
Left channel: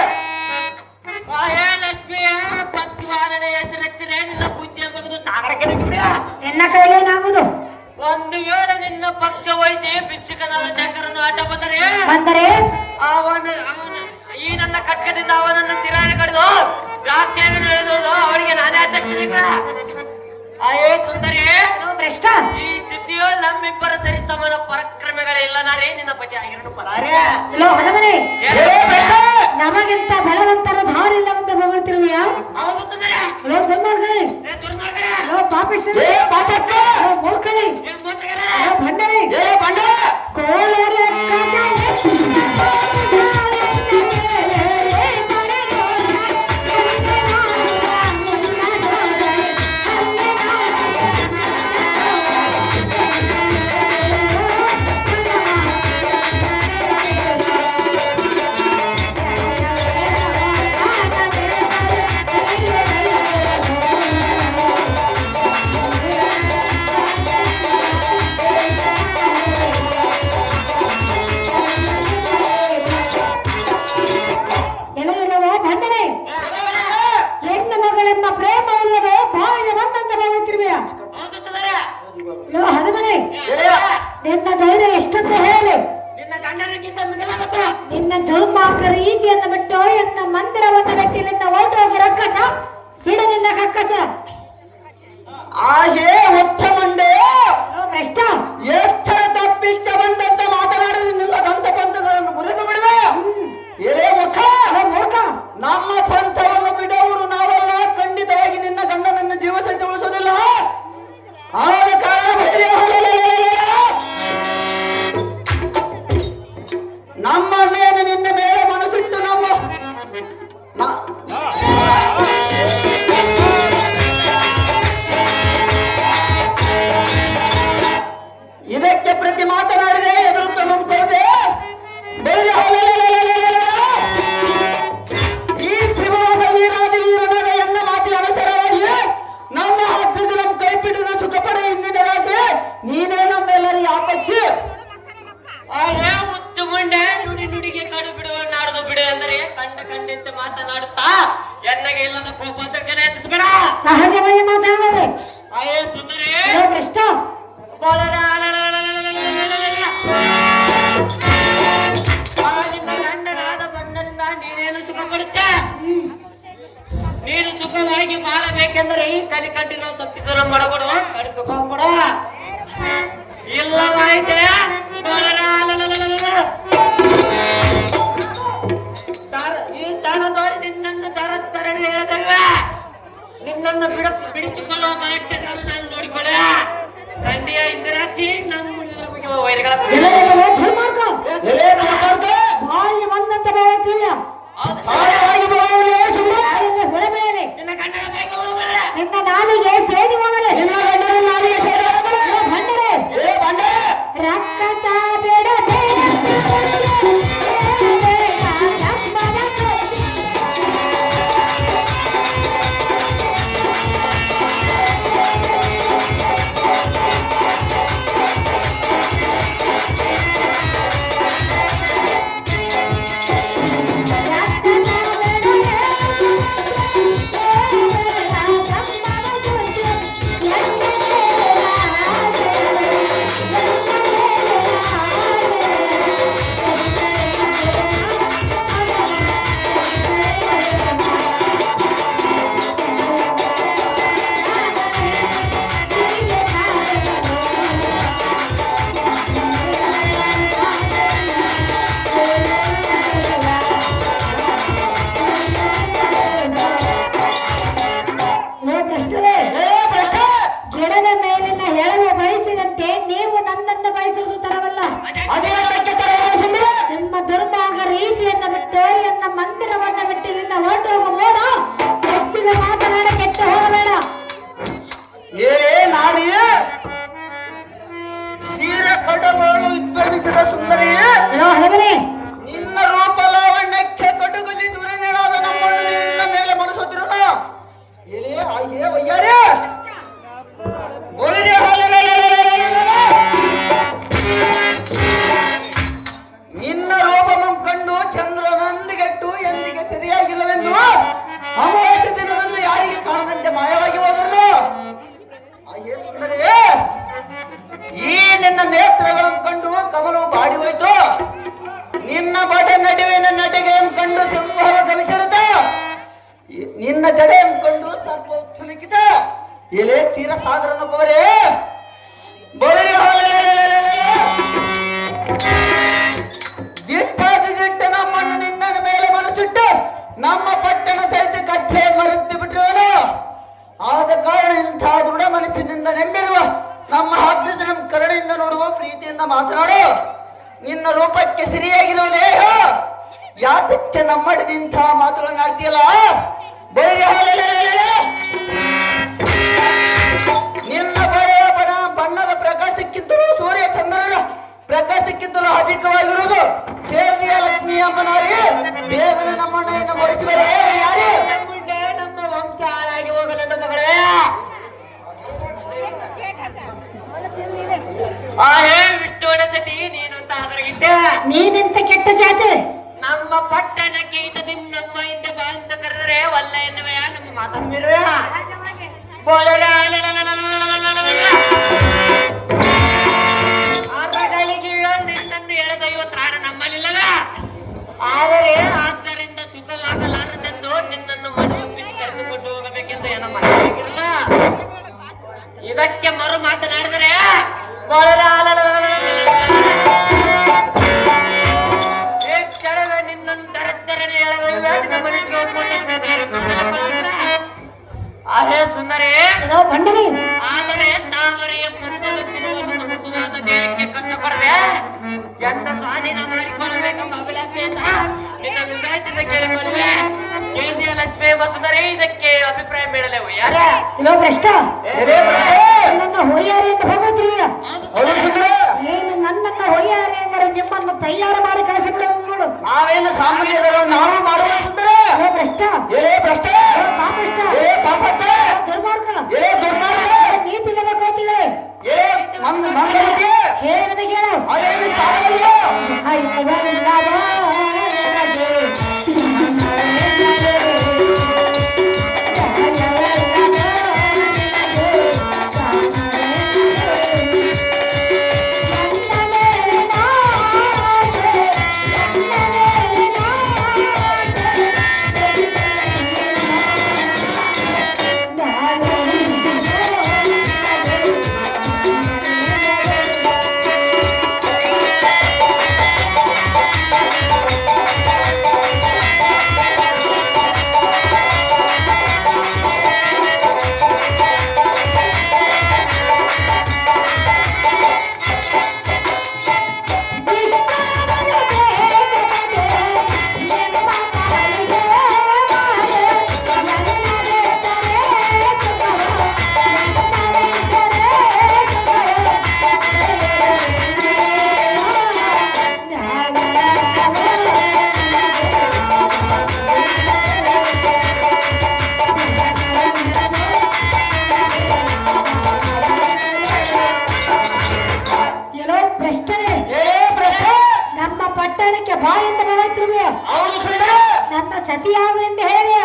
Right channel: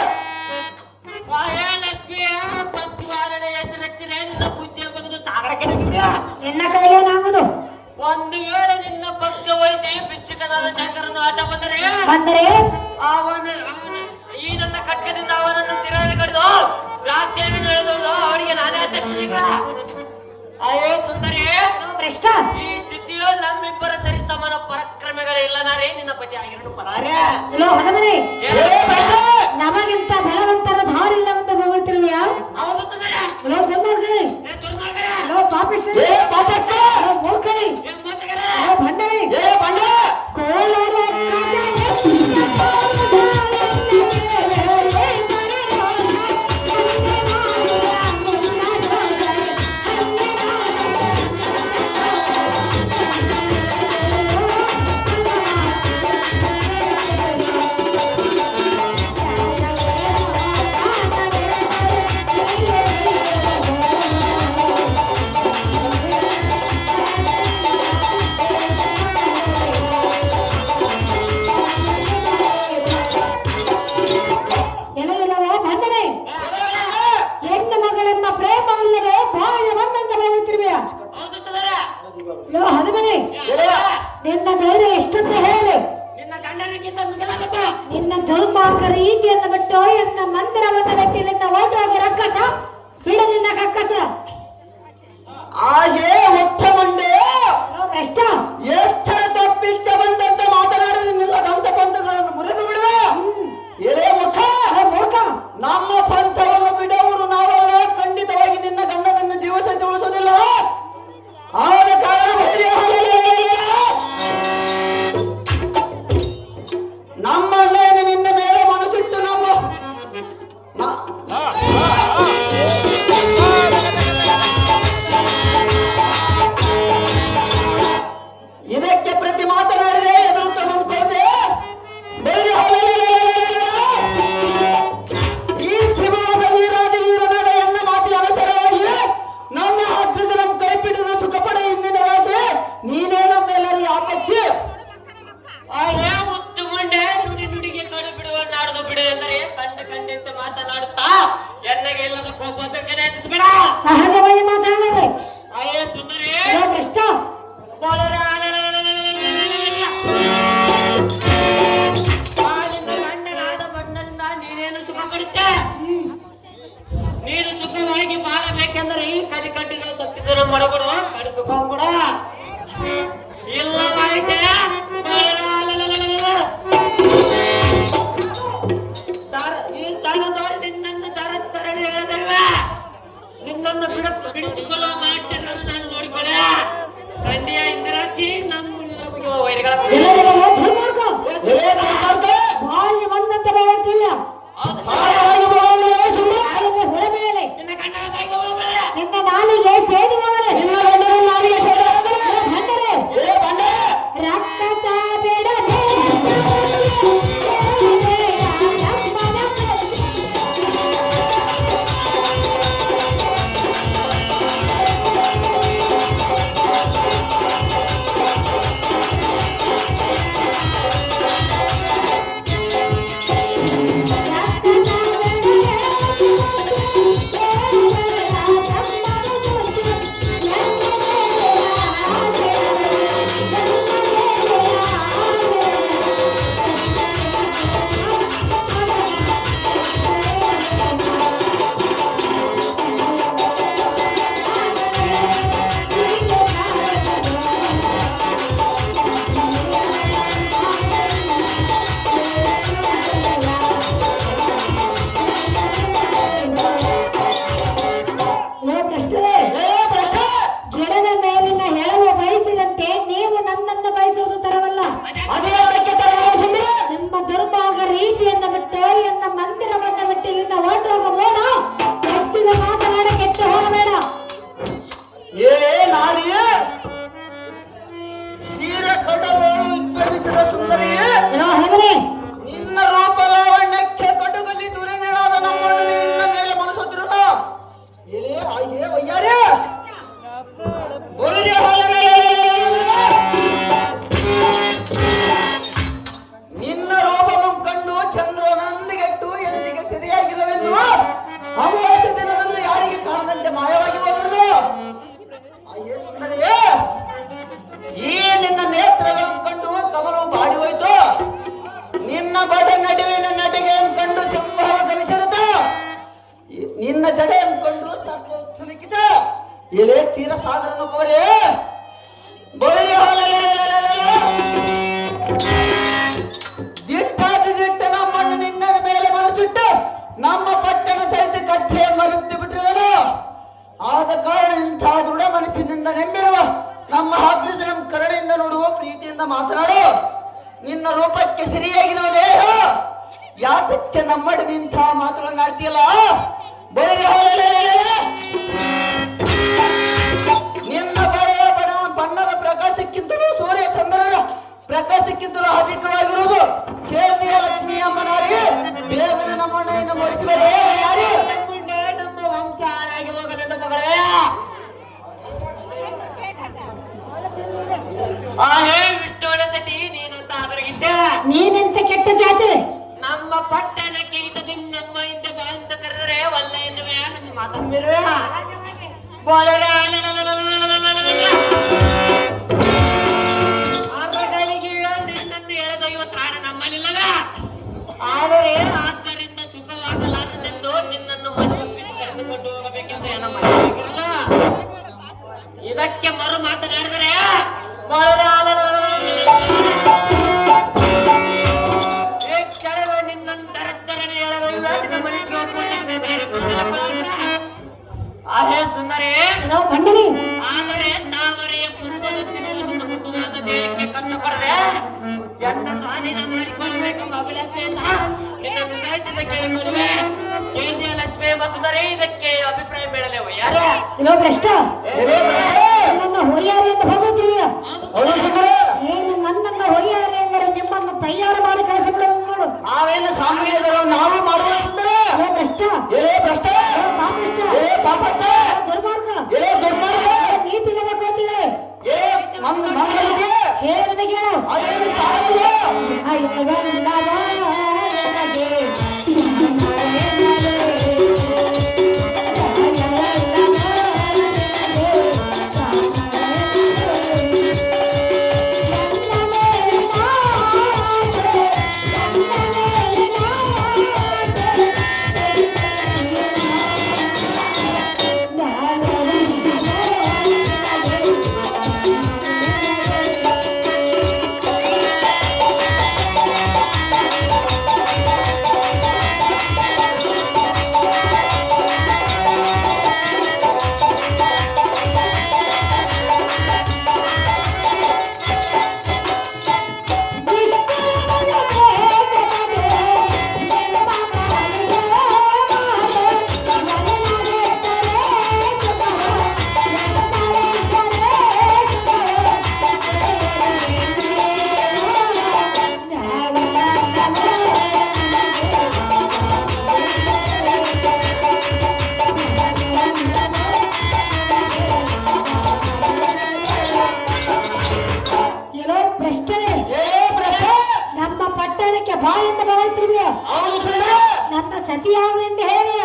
ಲಕ್ಷ್ಮಿಯ ಪಕ್ಷವಾರನೆ ಹೆಸರೆಚ್ಚಿನ ನಿನ್ನ ಪೂಜ್ಯ ಬಗೆದು ಸಾಗರಕ್ಕೆ ಬಿಡ. ನಿನ್ನ ಕೈಲೇನಾಗುವುದು? ಒಂದು ವೇಳೆ ನಿನ್ನ ಪಕ್ಷ ವಹಿಸಿ ಭಿಕ್ಷುಕನಾದ ಶಂಕರನು ಆಟ ಅಂದರೆ ಅವನು ಈ ನನ್ನ ಕಟ್ಕದಿಂದ ಅವನನ್ನು ಚಿರಾಯ ಕಡಿದು ದ್ರಾಕ್ಷಿಯನ್ನು ನಡೆದೋದು ಅವಳಿಗೆ ನಾನೇ ಅಧ್ಯಕ್ಷನಿಗ. ಅಯ್ಯೋ ಸುಂದರಿ, ಭ್ರಷ್ಟ. ಈ ಸ್ಥಿತಿಯು ನಮ್ಮಿಬ್ಬರ ಸರಿ ಸಮಾನ ಪರಾಕ್ರಮಗಳಿಲ್ಲ. ನಾರೇ ನಿನ್ನ ಪತಿ ಆಗಿರೋದು ಪರಾರೇ. ಇಲ್ಲೋ ಹದಮನೆ, ನಮಗಿಂತ ಬಲವಂತರ ಧಾರ ಇಲ್ಲವಂತ ಹೊಗಳ್ತಿರುವೆಯಾ? ಹೌದು ಸುಂದರಿ. ಇಲ್ಲೋ ಬಂದೋರ್ಗಳಿ, ಇಲ್ಲೋ ಪಾಪಿಷ್ಠ, ಮೂರ್ಖಳಿ, ಇಲ್ಲೋ ಭಂಡರಿ, ಕೋಲಾರ ನಿನ್ನ ಧೈರ್ಯ ಎಷ್ಟಂತ ಹೇಳಿ, ನಿನ್ನ ಗಂಡನಿಗಿಂತ ಮಿಗಿಲಾದದ್ದು. ನಿನ್ನ ದುರ್ಮಾರ್ಗ ರೀತಿಯನ್ನು ಬಿಟ್ಟು ಎನ್ನ ಮಂದಿರವನ್ನು ಬಿಟ್ಟಿಲ್ಲಿಂದ ಓಟೋಗ ರಕ್ಕಸ ಹಿಡ ನಿನ್ನ ಕಕ್ಕಸ. ಆಹೇ ಹೊಚ್ಚ ಮಂಡೆ, ಭ್ರಷ್ಟ. ಎಚ್ಚರ ತಪ್ಪಿಚ್ಚ ಬಂದಂತೆ ಮಾತನಾಡಿದ ನಿನ್ನ ದಂತ ಪಂಥಗಳನ್ನು ಮುರಿದು ಬಿಡುವೆ. ಎಲೆ ಮುಖ ಮೂರ್ಖ, ನಮ್ಮ ಪಂಥವನ್ನು ಬಿಡುವವರು ನಾವೆಲ್ಲ ಖಂಡಿತವಾಗಿ ನಿನ್ನ ಗಂಡನನ್ನು ಜೀವ ಸಹಿತ ಉಳಿಸೋದಿಲ್ಲ. ಆದ ಕಾರಣ ನಮ್ಮ ಅಣ್ಣನ ನಿನ್ನ ಮೇಲೆ ಮನಸ್ಸಿಟ್ಟು ಇದಕ್ಕೆ ಪ್ರತಿ ಮಾತನಾಡಿದೆ, ಎದುರುತ್ತ ನಂಬಿಕೊಳ್ಳದೆ ಈ ಶ್ರೀಮಂತ ವೀರಾದಿ ವೀರನಾದ ಎನ್ನ ಮಾತಿ ಅನುಸಾರವಾಗಿ ನಮ್ಮ ಹಬ್ಬದ ನಮ್ಮ ಕೈ ಪಿಡಿದ ಸುಖಪಡ ಹಿಂದಿನ ರಾಶಿ ನೀನೇ ನಮ್ಮೆಲ್ಲರಿಗೆ ಆಪಚ್ಚಿ. ಅಯ್ಯೋ ಹುಚ್ಚು ಮಂಡೆ, ನುಡಿ ನುಡಿಗೆ ಕಡು ಬಿಡುವ ನಾಡ್ದು ಬಿಡು ಅಂದರೆ ಕಂಡಂತೆ ಮಾತನಾಡುತ್ತಾ ಎನ್ನಗೆ ಇಲ್ಲದ ಕೋಪ ಹೆಚ್ಚಿಸಬೇಡ. ಸಹಜವಾಗಿ ಮಾತಾಡಬೇಕು. ಅಯ್ಯೋ ಸುಂದರಿ, ಭ್ರಷ್ಟ. ನಿನ್ನ ಗಂಡನಾದ ಬಂಡನಿಂದ ನೀನೇನು ಸುಖ ಪಡುತ್ತೆ? ನೀನು ಸುಖವಾಗಿ ಬಾಳಬೇಕೆಂದರೆ ಈ ಕಡಿ ಕಟ್ಟಿನ ಸತ್ತಿಸಲು ಮಾಡಬಿಡು, ಕಡಿ ಸುಖ ಕೊಡ. ಇಲ್ಲವಾಯ್ತೆ ಈ ಸ್ಥಾನ ನೋಡಿ ನಿನ್ನನ್ನು ತರತ್ತರಳು ಹೇಳದಲ್ವೇ? ನಿನ್ನನ್ನು ಬಿಡಿಸಿಕೊಳ್ಳುವ ಮಾಟನ್ನು ನಾನು ನೋಡಿಕೊಳ್ಳ. ಖಂಡಿಯ ಇಂದ್ರಾಕ್ಷಿ ನಮ್ಮ ವೈರಿಗಳ ಬಾಯಿಗೆ ಬಂದಂತೆ ಬೆಳೆಯುತ್ತೀಯ. ನಿನ್ನ ಗಂಡನ ಬಾಯಿಗೆ ಹೋಗಬಲ್ಲ. ನಿನ್ನ ನಾಲಿಗೆ ಸೇದಿ ಮಗನೇ. ಭಂಡರೆ, ರಕ್ಕಸ ಬಿಡದೆ ರಕ್ಕಸ ನಿನ್ನ ಜಡೆ ಅಂದ್ಕೊಂಡು ಸ್ವಲ್ಪ ಸುಲಿಕಿದ ಎಲೆ ಚೀರ ಸಾಗರನ್ನು ಕೋರೆ ಬಳಿ ದಿಟ್ಟಾದಿ ದಿಟ್ಟ ನಮ್ಮನ್ನು ನಿನ್ನ ಮೇಲೆ ಮನಸ್ಸಿಟ್ಟು ನಮ್ಮ ಪಟ್ಟಣ ಸಹಿತ ಕಟ್ಟೆ ಮರೆತು ಬಿಟ್ಟರು. ಆದ ಕಾರಣ ಇಂಥ ದೃಢ ಮನಸ್ಸಿನಿಂದ ನೆಮ್ಮಿರುವ ನಮ್ಮ ಹಾಕಿದ ನಮ್ಮ ಕರುಣೆಯಿಂದ ನೋಡುವ ಪ್ರೀತಿಯಿಂದ ಮಾತನಾಡು. ನಿನ್ನ ರೂಪಕ್ಕೆ ಸರಿಯಾಗಿರುವ ದೇಹ ಯಾತಕ್ಕೆ ನಮ್ಮಡಿ ನಿಂತ ಮಾತುಗಳನ್ನು ಆಡ್ತೀಯಲ್ಲ ಬಳಿ ನಿನ್ನ ಬಳೆಯ ಬಣ್ಣದ ಪ್ರಕಾಶಕ್ಕಿಂತಲೂ ಸೂರ್ಯ ಚಂದ್ರನ ಪ್ರಕಾಶಕ್ಕಿಂತಲೂ ಅಧಿಕವಾಗಿರುವುದು ಕೇಳಿದೆಯ ಲಕ್ಷ್ಮೀ ಅಮ್ಮನಾರಿ. ಬೇಗನೆ ನಮ್ಮಣ್ಣ ಇನ್ನು ಮರೆಸುವರೇ ಯಾರೇ ನಮ್ಮ ವಂಶ ಹಾಳಾಗಿ ಹೋಗಲೆಂದು ಮಗಳೇ. ಹೇ ವಿಷ್ಣುವನ ಸತಿ ನೀನಂತ ಅದರಗಿದ್ದೆ. ನೀನೆಂತ ಕೆಟ್ಟ ಜಾತಿ. ನಮ್ಮ ಪಟ್ಟಣಕ್ಕೆ ಈತ ನಮ್ಮ ಹಿಂದೆ ಬಾ ಅಂತ ಕರೆದರೆ ವಲ್ಲ ಎನ್ನುವೆಯ ನಮ್ಮ ಮಾತನ್ನಿರುವೆಯ ನಿನ್ನನ್ನು ಎಳೆದೊಯ್ಯುವ ತ್ರಾಣ ನಮ್ಮಲ್ಲಿಲ್ಲವ. ಆದರೆ ಆದ್ದರಿಂದ ಸುಖವಾಗಲಾರದೆಂದು ನಿನ್ನನ್ನು ಮನವೊಪ್ಪಿಸಿ ಕರೆದುಕೊಂಡು ಹೋಗಬೇಕೆಂದು ಏನೋ ಮಾಡಬೇಕಿರಲ್ಲ. ಇದಕ್ಕೆ ಮರು ಮಾತನಾಡಿದರೆ ಕ್ಷಣವೇ ನಿನ್ನನ್ನು ದರದ್ದರನೆ ಎಳೆದೊಯ್ಯುವ ನಿನ್ನ ಮನಸ್ಸಿಗೆ ಆಹೇ ಸುಂದರೇ ಬಂಡಿನಿ. ಆದರೆ ತಾವರೆಯ ಪುಷ್ಪದ ತಿರುವನ್ನು ಮೃದುವಾದ ದೇಹಕ್ಕೆ ಕಷ್ಟಪಡದೆ ಎನ್ನ ಸ್ವಾಧೀನ ಮಾಡಿಕೊಳ್ಳಬೇಕೆಂಬ ಅಭಿಲಾಷೆಯಿಂದ ನಿನ್ನ ಹೃದಯದಿಂದ ಕೇಳಿಕೊಳ್ಳುವೆ. ಕೇಳಿದೆಯ ಲಕ್ಷ್ಮೀ ಸುಂದರೇ, ಇದಕ್ಕೆ ಅಭಿಪ್ರಾಯ ಬೇಡಲೇವು ಯಾರೇ ಇಲ್ಲೋ ಭ್ರಷ್ಟ. ನನ್ನ ಹೊಯ್ಯಾರಿ ಅಂತ ಹೋಗುತ್ತೀವಿಯ ಏನು ನನ್ನನ್ನು ಹೊಯ್ಯಾರಿ ಎಂದರೆ ನಿಮ್ಮನ್ನು ತಯಾರು ಮಾಡಿ ಕಳಿಸಿಬಿಡುವ ನೋಡು. ನಾವೇನು ಸಾಮಾನ್ಯದವರು ನಾವು ಮಾಡುವ ಸುಂದರ ಭ್ರಷ್ಟ ಎಲೆ ಭ್ರಷ್ಟ ಪಾಪಿಷ್ಟ ಎಲೆ ಪಾಪಟ್ಟ ದುರ್ಮಾರ್ಗ ಎಲೆ ದುರ್ಮಾರ್ಗ ನೀತಿ ಇಲ್ಲದ ಕೋತಿಗಳೇ ಎಲೆ ಮಂಗಲಿಗೆ ಹೇಳ ನನಗೆ ಹೇಳು. ಅದೇನು ಸ್ಥಾನವಲ್ಲ. ನನ್ನ ಸತಿಯಾಗು ಎಂದು ಹೇಳಿದೆಯ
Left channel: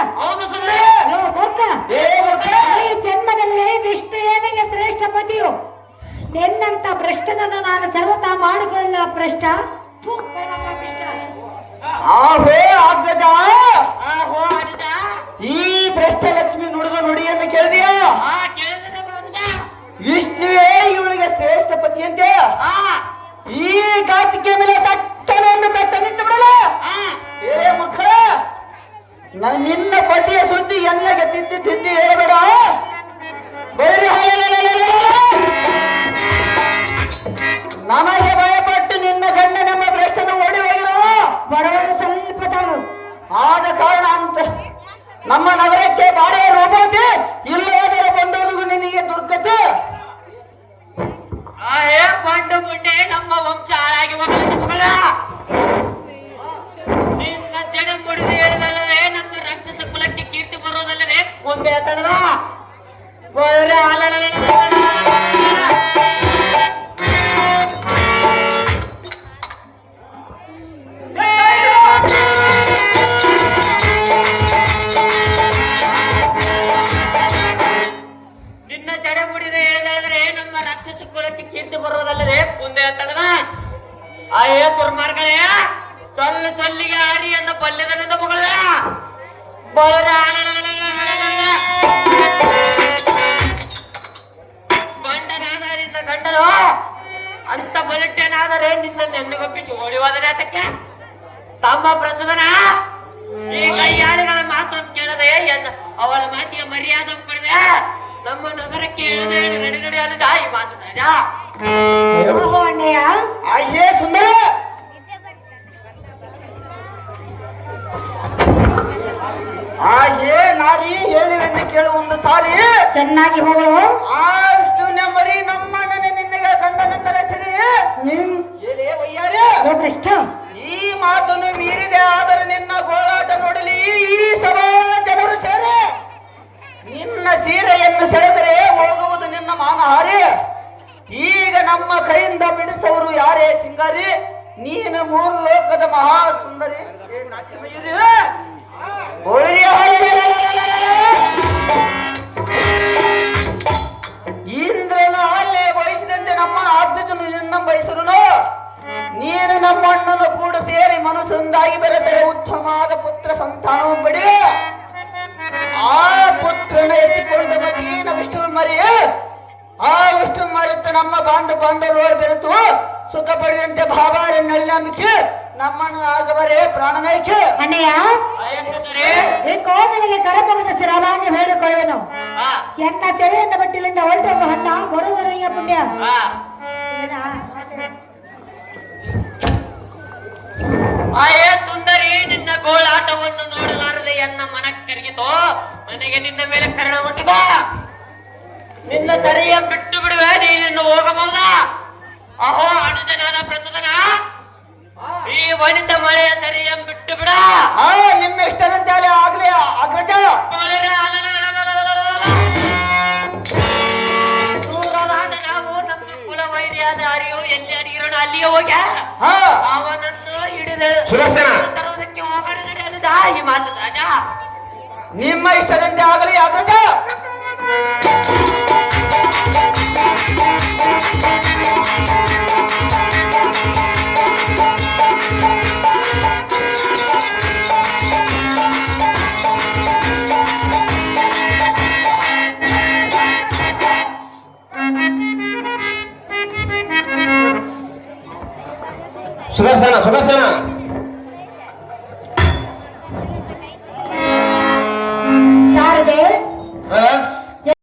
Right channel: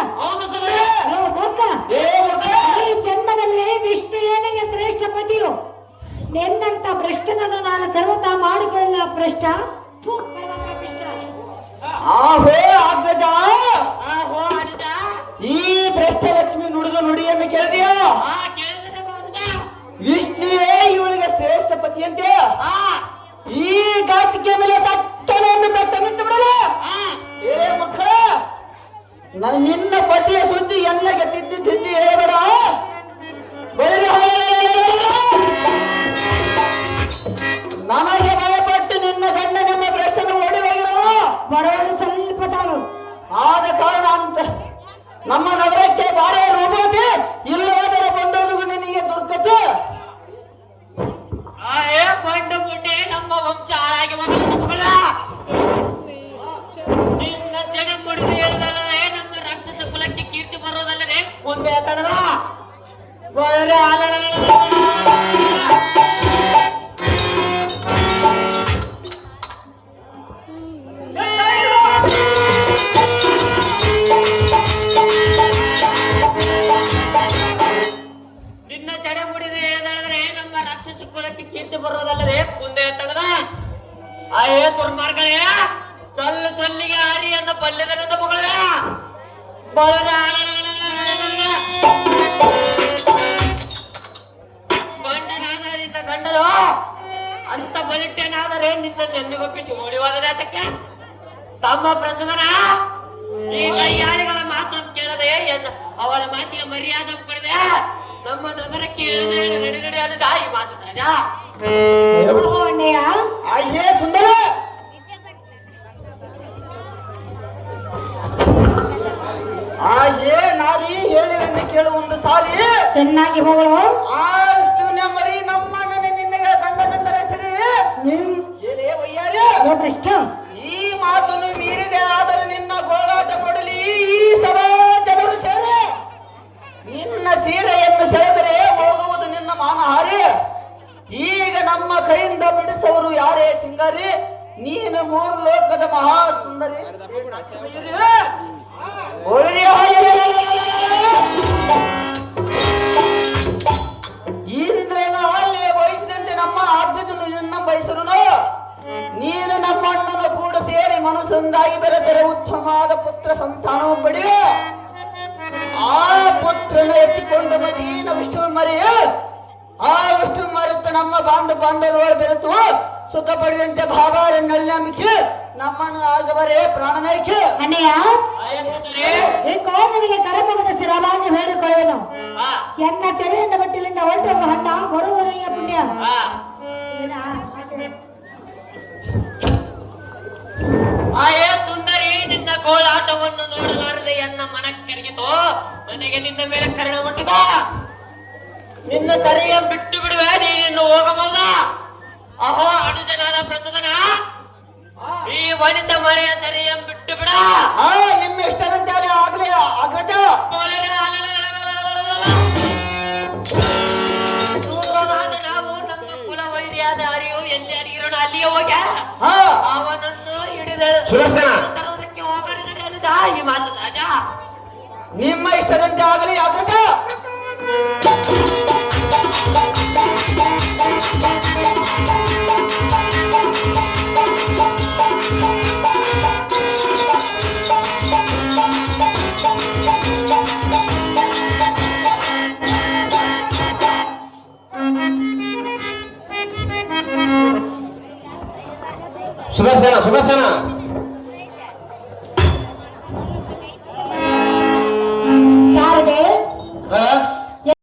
ಮೂರ್ಖ. ಈ ಜನ್ಮದಲ್ಲಿ ವಿಷ್ಣು ಏನಿಗೆ ಶ್ರೇಷ್ಠ ಪತಿಯು. ನಿನ್ನಂತ ಭ್ರಷ್ಟನನ್ನು ನಾನು ಸರ್ವತಾ ಮಾಡಿಕೊಳ್ಳಲಿಲ್ಲ ಭ್ರಷ್ಟ. ಆಹೋ ಅಗ್ರಜ, ಈ ಭ್ರಷ್ಟ ಲಕ್ಷ್ಮಿ ನುಡಿದ ನುಡಿಯನ್ನು ಕೇಳಿದೆಯಾ? ವಿಷ್ಣುವೇ ಇವಳಿಗೆ ಶ್ರೇಷ್ಠ ಪತಿ ಅಂತೆ. ಈ ಗಾತಿಗೆ ಮೇಲೆ ತಟ್ಟನೆ ಒಂದು ಬೆಟ್ಟ ನಿಂತು ಬಿಡಲ್ಲ. ಏ ಮುಖ, ನಿನ್ನ ಪತಿಯ ಸುದ್ದಿ ಎನ್ನಗೆ ತಿದ್ದಿ ತಿದ್ದಿ ಹೇಳಬೇಡ. ನಮಗೆ ಭಯಪಟ್ಟು ನಿನ್ನ ಗಂಡ ನಮ್ಮ ಭ್ರಷ್ಟನ ಓಡಿ ಹೋಗಿರುವ ಬರವನು ಸ್ವಲ್ಪ ತಾಳು. ಆದ ಕಾರಣ ಅಂತ ನಮ್ಮ ನಗರಕ್ಕೆ ಬಾರಿ ಹೋಗೋದೆ. ಇಲ್ಲಿ ಹೋದರೆ ಬಂದೋದು ನಿನಗೆ ದುರ್ಗತೆ. ಬಂಡು ಮುಂಡೆ ನಮ್ಮ ವಂಶ ಹಾಳಾಗಿ ಹೋಗಲು ಮಗಳ. ನಿನ್ನ ಜಡೆ ಮುಡಿದು ಹೇಳಿದಲ್ಲದೆ ನಮ್ಮ ರಾಕ್ಷಸ ಕುಲಕ್ಕೆ ಕೀರ್ತಿ ಬರೋದಲ್ಲದೆ ಒಮ್ಮೆ ತಡದ ನಿನ್ನ ಜಡೆ ಮುಡಿದು ಹೇಳಿದಲ್ಲದೆ ನಮ್ಮ ರಾಕ್ಷಸ ಕುಲಕ್ಕೆ ಕೀರ್ತಿ ಬರೋದಲ್ಲದೆ ಮುಂದೆ ತಡದ. ಅಯ್ಯೋ ದುರ್ಮಾರ್ಗನೇ, ಸೊಲ್ಲಿಗೆ ಆರಿಯನ್ನು ಬಲ್ಯದನೆಂದು ಮಗಳ. ಮುಗಿಸಿ ಓಡಿ ಹೋದರೆ ಅದಕ್ಕೆ ತಮ್ಮ ಪ್ರಚೋದನ ಈ ಕೈಯಾಳಿಗಳ ಮಾತನ್ನು ಕೇಳದೆ ಅವಳ ಮಾತಿಗೆ ಮರ್ಯಾದೆ ಕೊಡದೆ ನಮ್ಮ ನಗರಕ್ಕೆ ಹೇಳದೆ ನಡಿ ನಡಿ ಅದು ಜಾಯಿ ಮಾತು ಸಹಜ. ಓಹೋ ಅಣ್ಣಯ್ಯ, ಅಯ್ಯೇ ಸುಂದರ, ಏ ನಾರಿ ಹೇಳಿರನ್ನ ಕೇಳು ಒಂದು ಸಾರಿ. ಚೆನ್ನಾಗಿ ಹೋಗು. ಅಷ್ಟು ಮರಿ ನಮ್ಮಣ್ಣನೆ ನಿನ್ನಗೆ ಗಂಡನಂತರ ಸರಿ. ಏಲೇ ವಯ್ಯಾರೆ, ಭ್ರಷ್ಟ, ಈ ಮಾತನ್ನು ಮೀರಿದೆ ಆದರೆ ನಿನ್ನ ಗೋಳಾಟ ನೋಡಲಿ ಈ ಸಭಾ ಜನರು ಸೇರೆ ನಿನ್ನ ಸೀರೆಯನ್ನು ಸೆಳೆದರೆ ಹೋಗುವುದು ನಿನ್ನ ಮಾನಹಾರಿ. ಈಗ ನಮ್ಮ ಕೈಯಿಂದ ಬಿಡಿಸೋರು ಯಾರೇ ಸಿಂಗಾರಿ? ನೀನು ಮೂರು ಲೋಕದ ಮಹಾ ಸುಂದರಿ. ಇಂದ್ರನ ಆಲೆ ಬಯಸಿದಂತೆ ನಮ್ಮ ಆಜ್ಞೆಯನ್ನು ನಿನ್ನ ಬಯಸಲು ನೀನು ನಮ್ಮ ಅಣ್ಣನ ಕೂಡ ಸೇರಿ ಮನಸ್ಸೊಂದಾಗಿ ಬೆರೆತರೆ ಉತ್ತಮವಾದ ಪುತ್ರ ಸಂತಾನವು ಪಡೆಯ. ಆ ಪುತ್ರನ ಎತ್ತಿಕೊಂಡು ಮತೀನ ವಿಷ್ಣು ಮರಿಯ ಆ ವಿಷ್ಣು ಮರೆತು ನಮ್ಮ ಬಾಂಧವರು ಬೆರೆತು ಸುಖ ಪಡೆಯುವಂತೆ ಭಾವಾರ ನಂಬಿಕೆ ನಮ್ಮನ್ನು ಆಗವರೇ ಪ್ರಾಣನಾಯ್ಕೆ. ಅಣ್ಣಯ್ಯ, ಏಕೋ ನನಗೆ ಕರಮಗದ ಶಿರವಾಗಿ ಹೇಳಿಕೊಳ್ಳುವೆನು. ಎನ್ನ ಸೆರೆಯನ್ನ ಬಟ್ಟಿಲಿಂದ ಹೊರಟೊಂದು ಹಣ್ಣ ಬರುವುದರಯ್ಯ ಪುಣ್ಯ. ಆಯೇ ಸುಂದರಿ, ನಿನ್ನ ಗೋಳಾಟವನ್ನು ನೋಡಲಾರದೆ ಎನ್ನ ಮನಕ್ಕರಿಗಿತೋ. ನನಗೆ ನಿನ್ನ ಮೇಲೆ ಕರುಣ ಉಂಟಿದ. ನಿನ್ನ ತರೆಯ ಬಿಟ್ಟು ಬಿಡುವೆ, ನೀನಿನ್ನು ಹೋಗಬಹುದಾ? ಅಹೋ ಅನುಜನಾದ ಪ್ರಚೋದನ, ಈ ವನಿತ ಮಳೆಯ ತರೆಯ ಬಿಟ್ಟು ಬಿಡ. ನಿಮ್ಮ ಇಷ್ಟದಂತೆ ಆಗ್ಲಿ ಅಗ್ರಜ. ನಾವು ನಮ್ಮ ಕುಲ ವೈರಿಯಾದ ಅರಿಯೋ ಎಲ್ಲಿ ಅಡಿಗಿರೋಣ ಅಲ್ಲಿಯೇ ಹೋಗ್ಯ ಅವನನ್ನು ಹಿಡಿದ ತರುವುದಕ್ಕೆ ಹೋಗೋಣ ನಡೆಯಲಿದ ಈ ಮಾತು ಸಹಜ. ನಿಮ್ಮ ಇಷ್ಟದಂತೆ ಆಗಲಿ ಅಗ್ರಜ. ಸುದರ್ಶನ ಸುದರ್ಶನ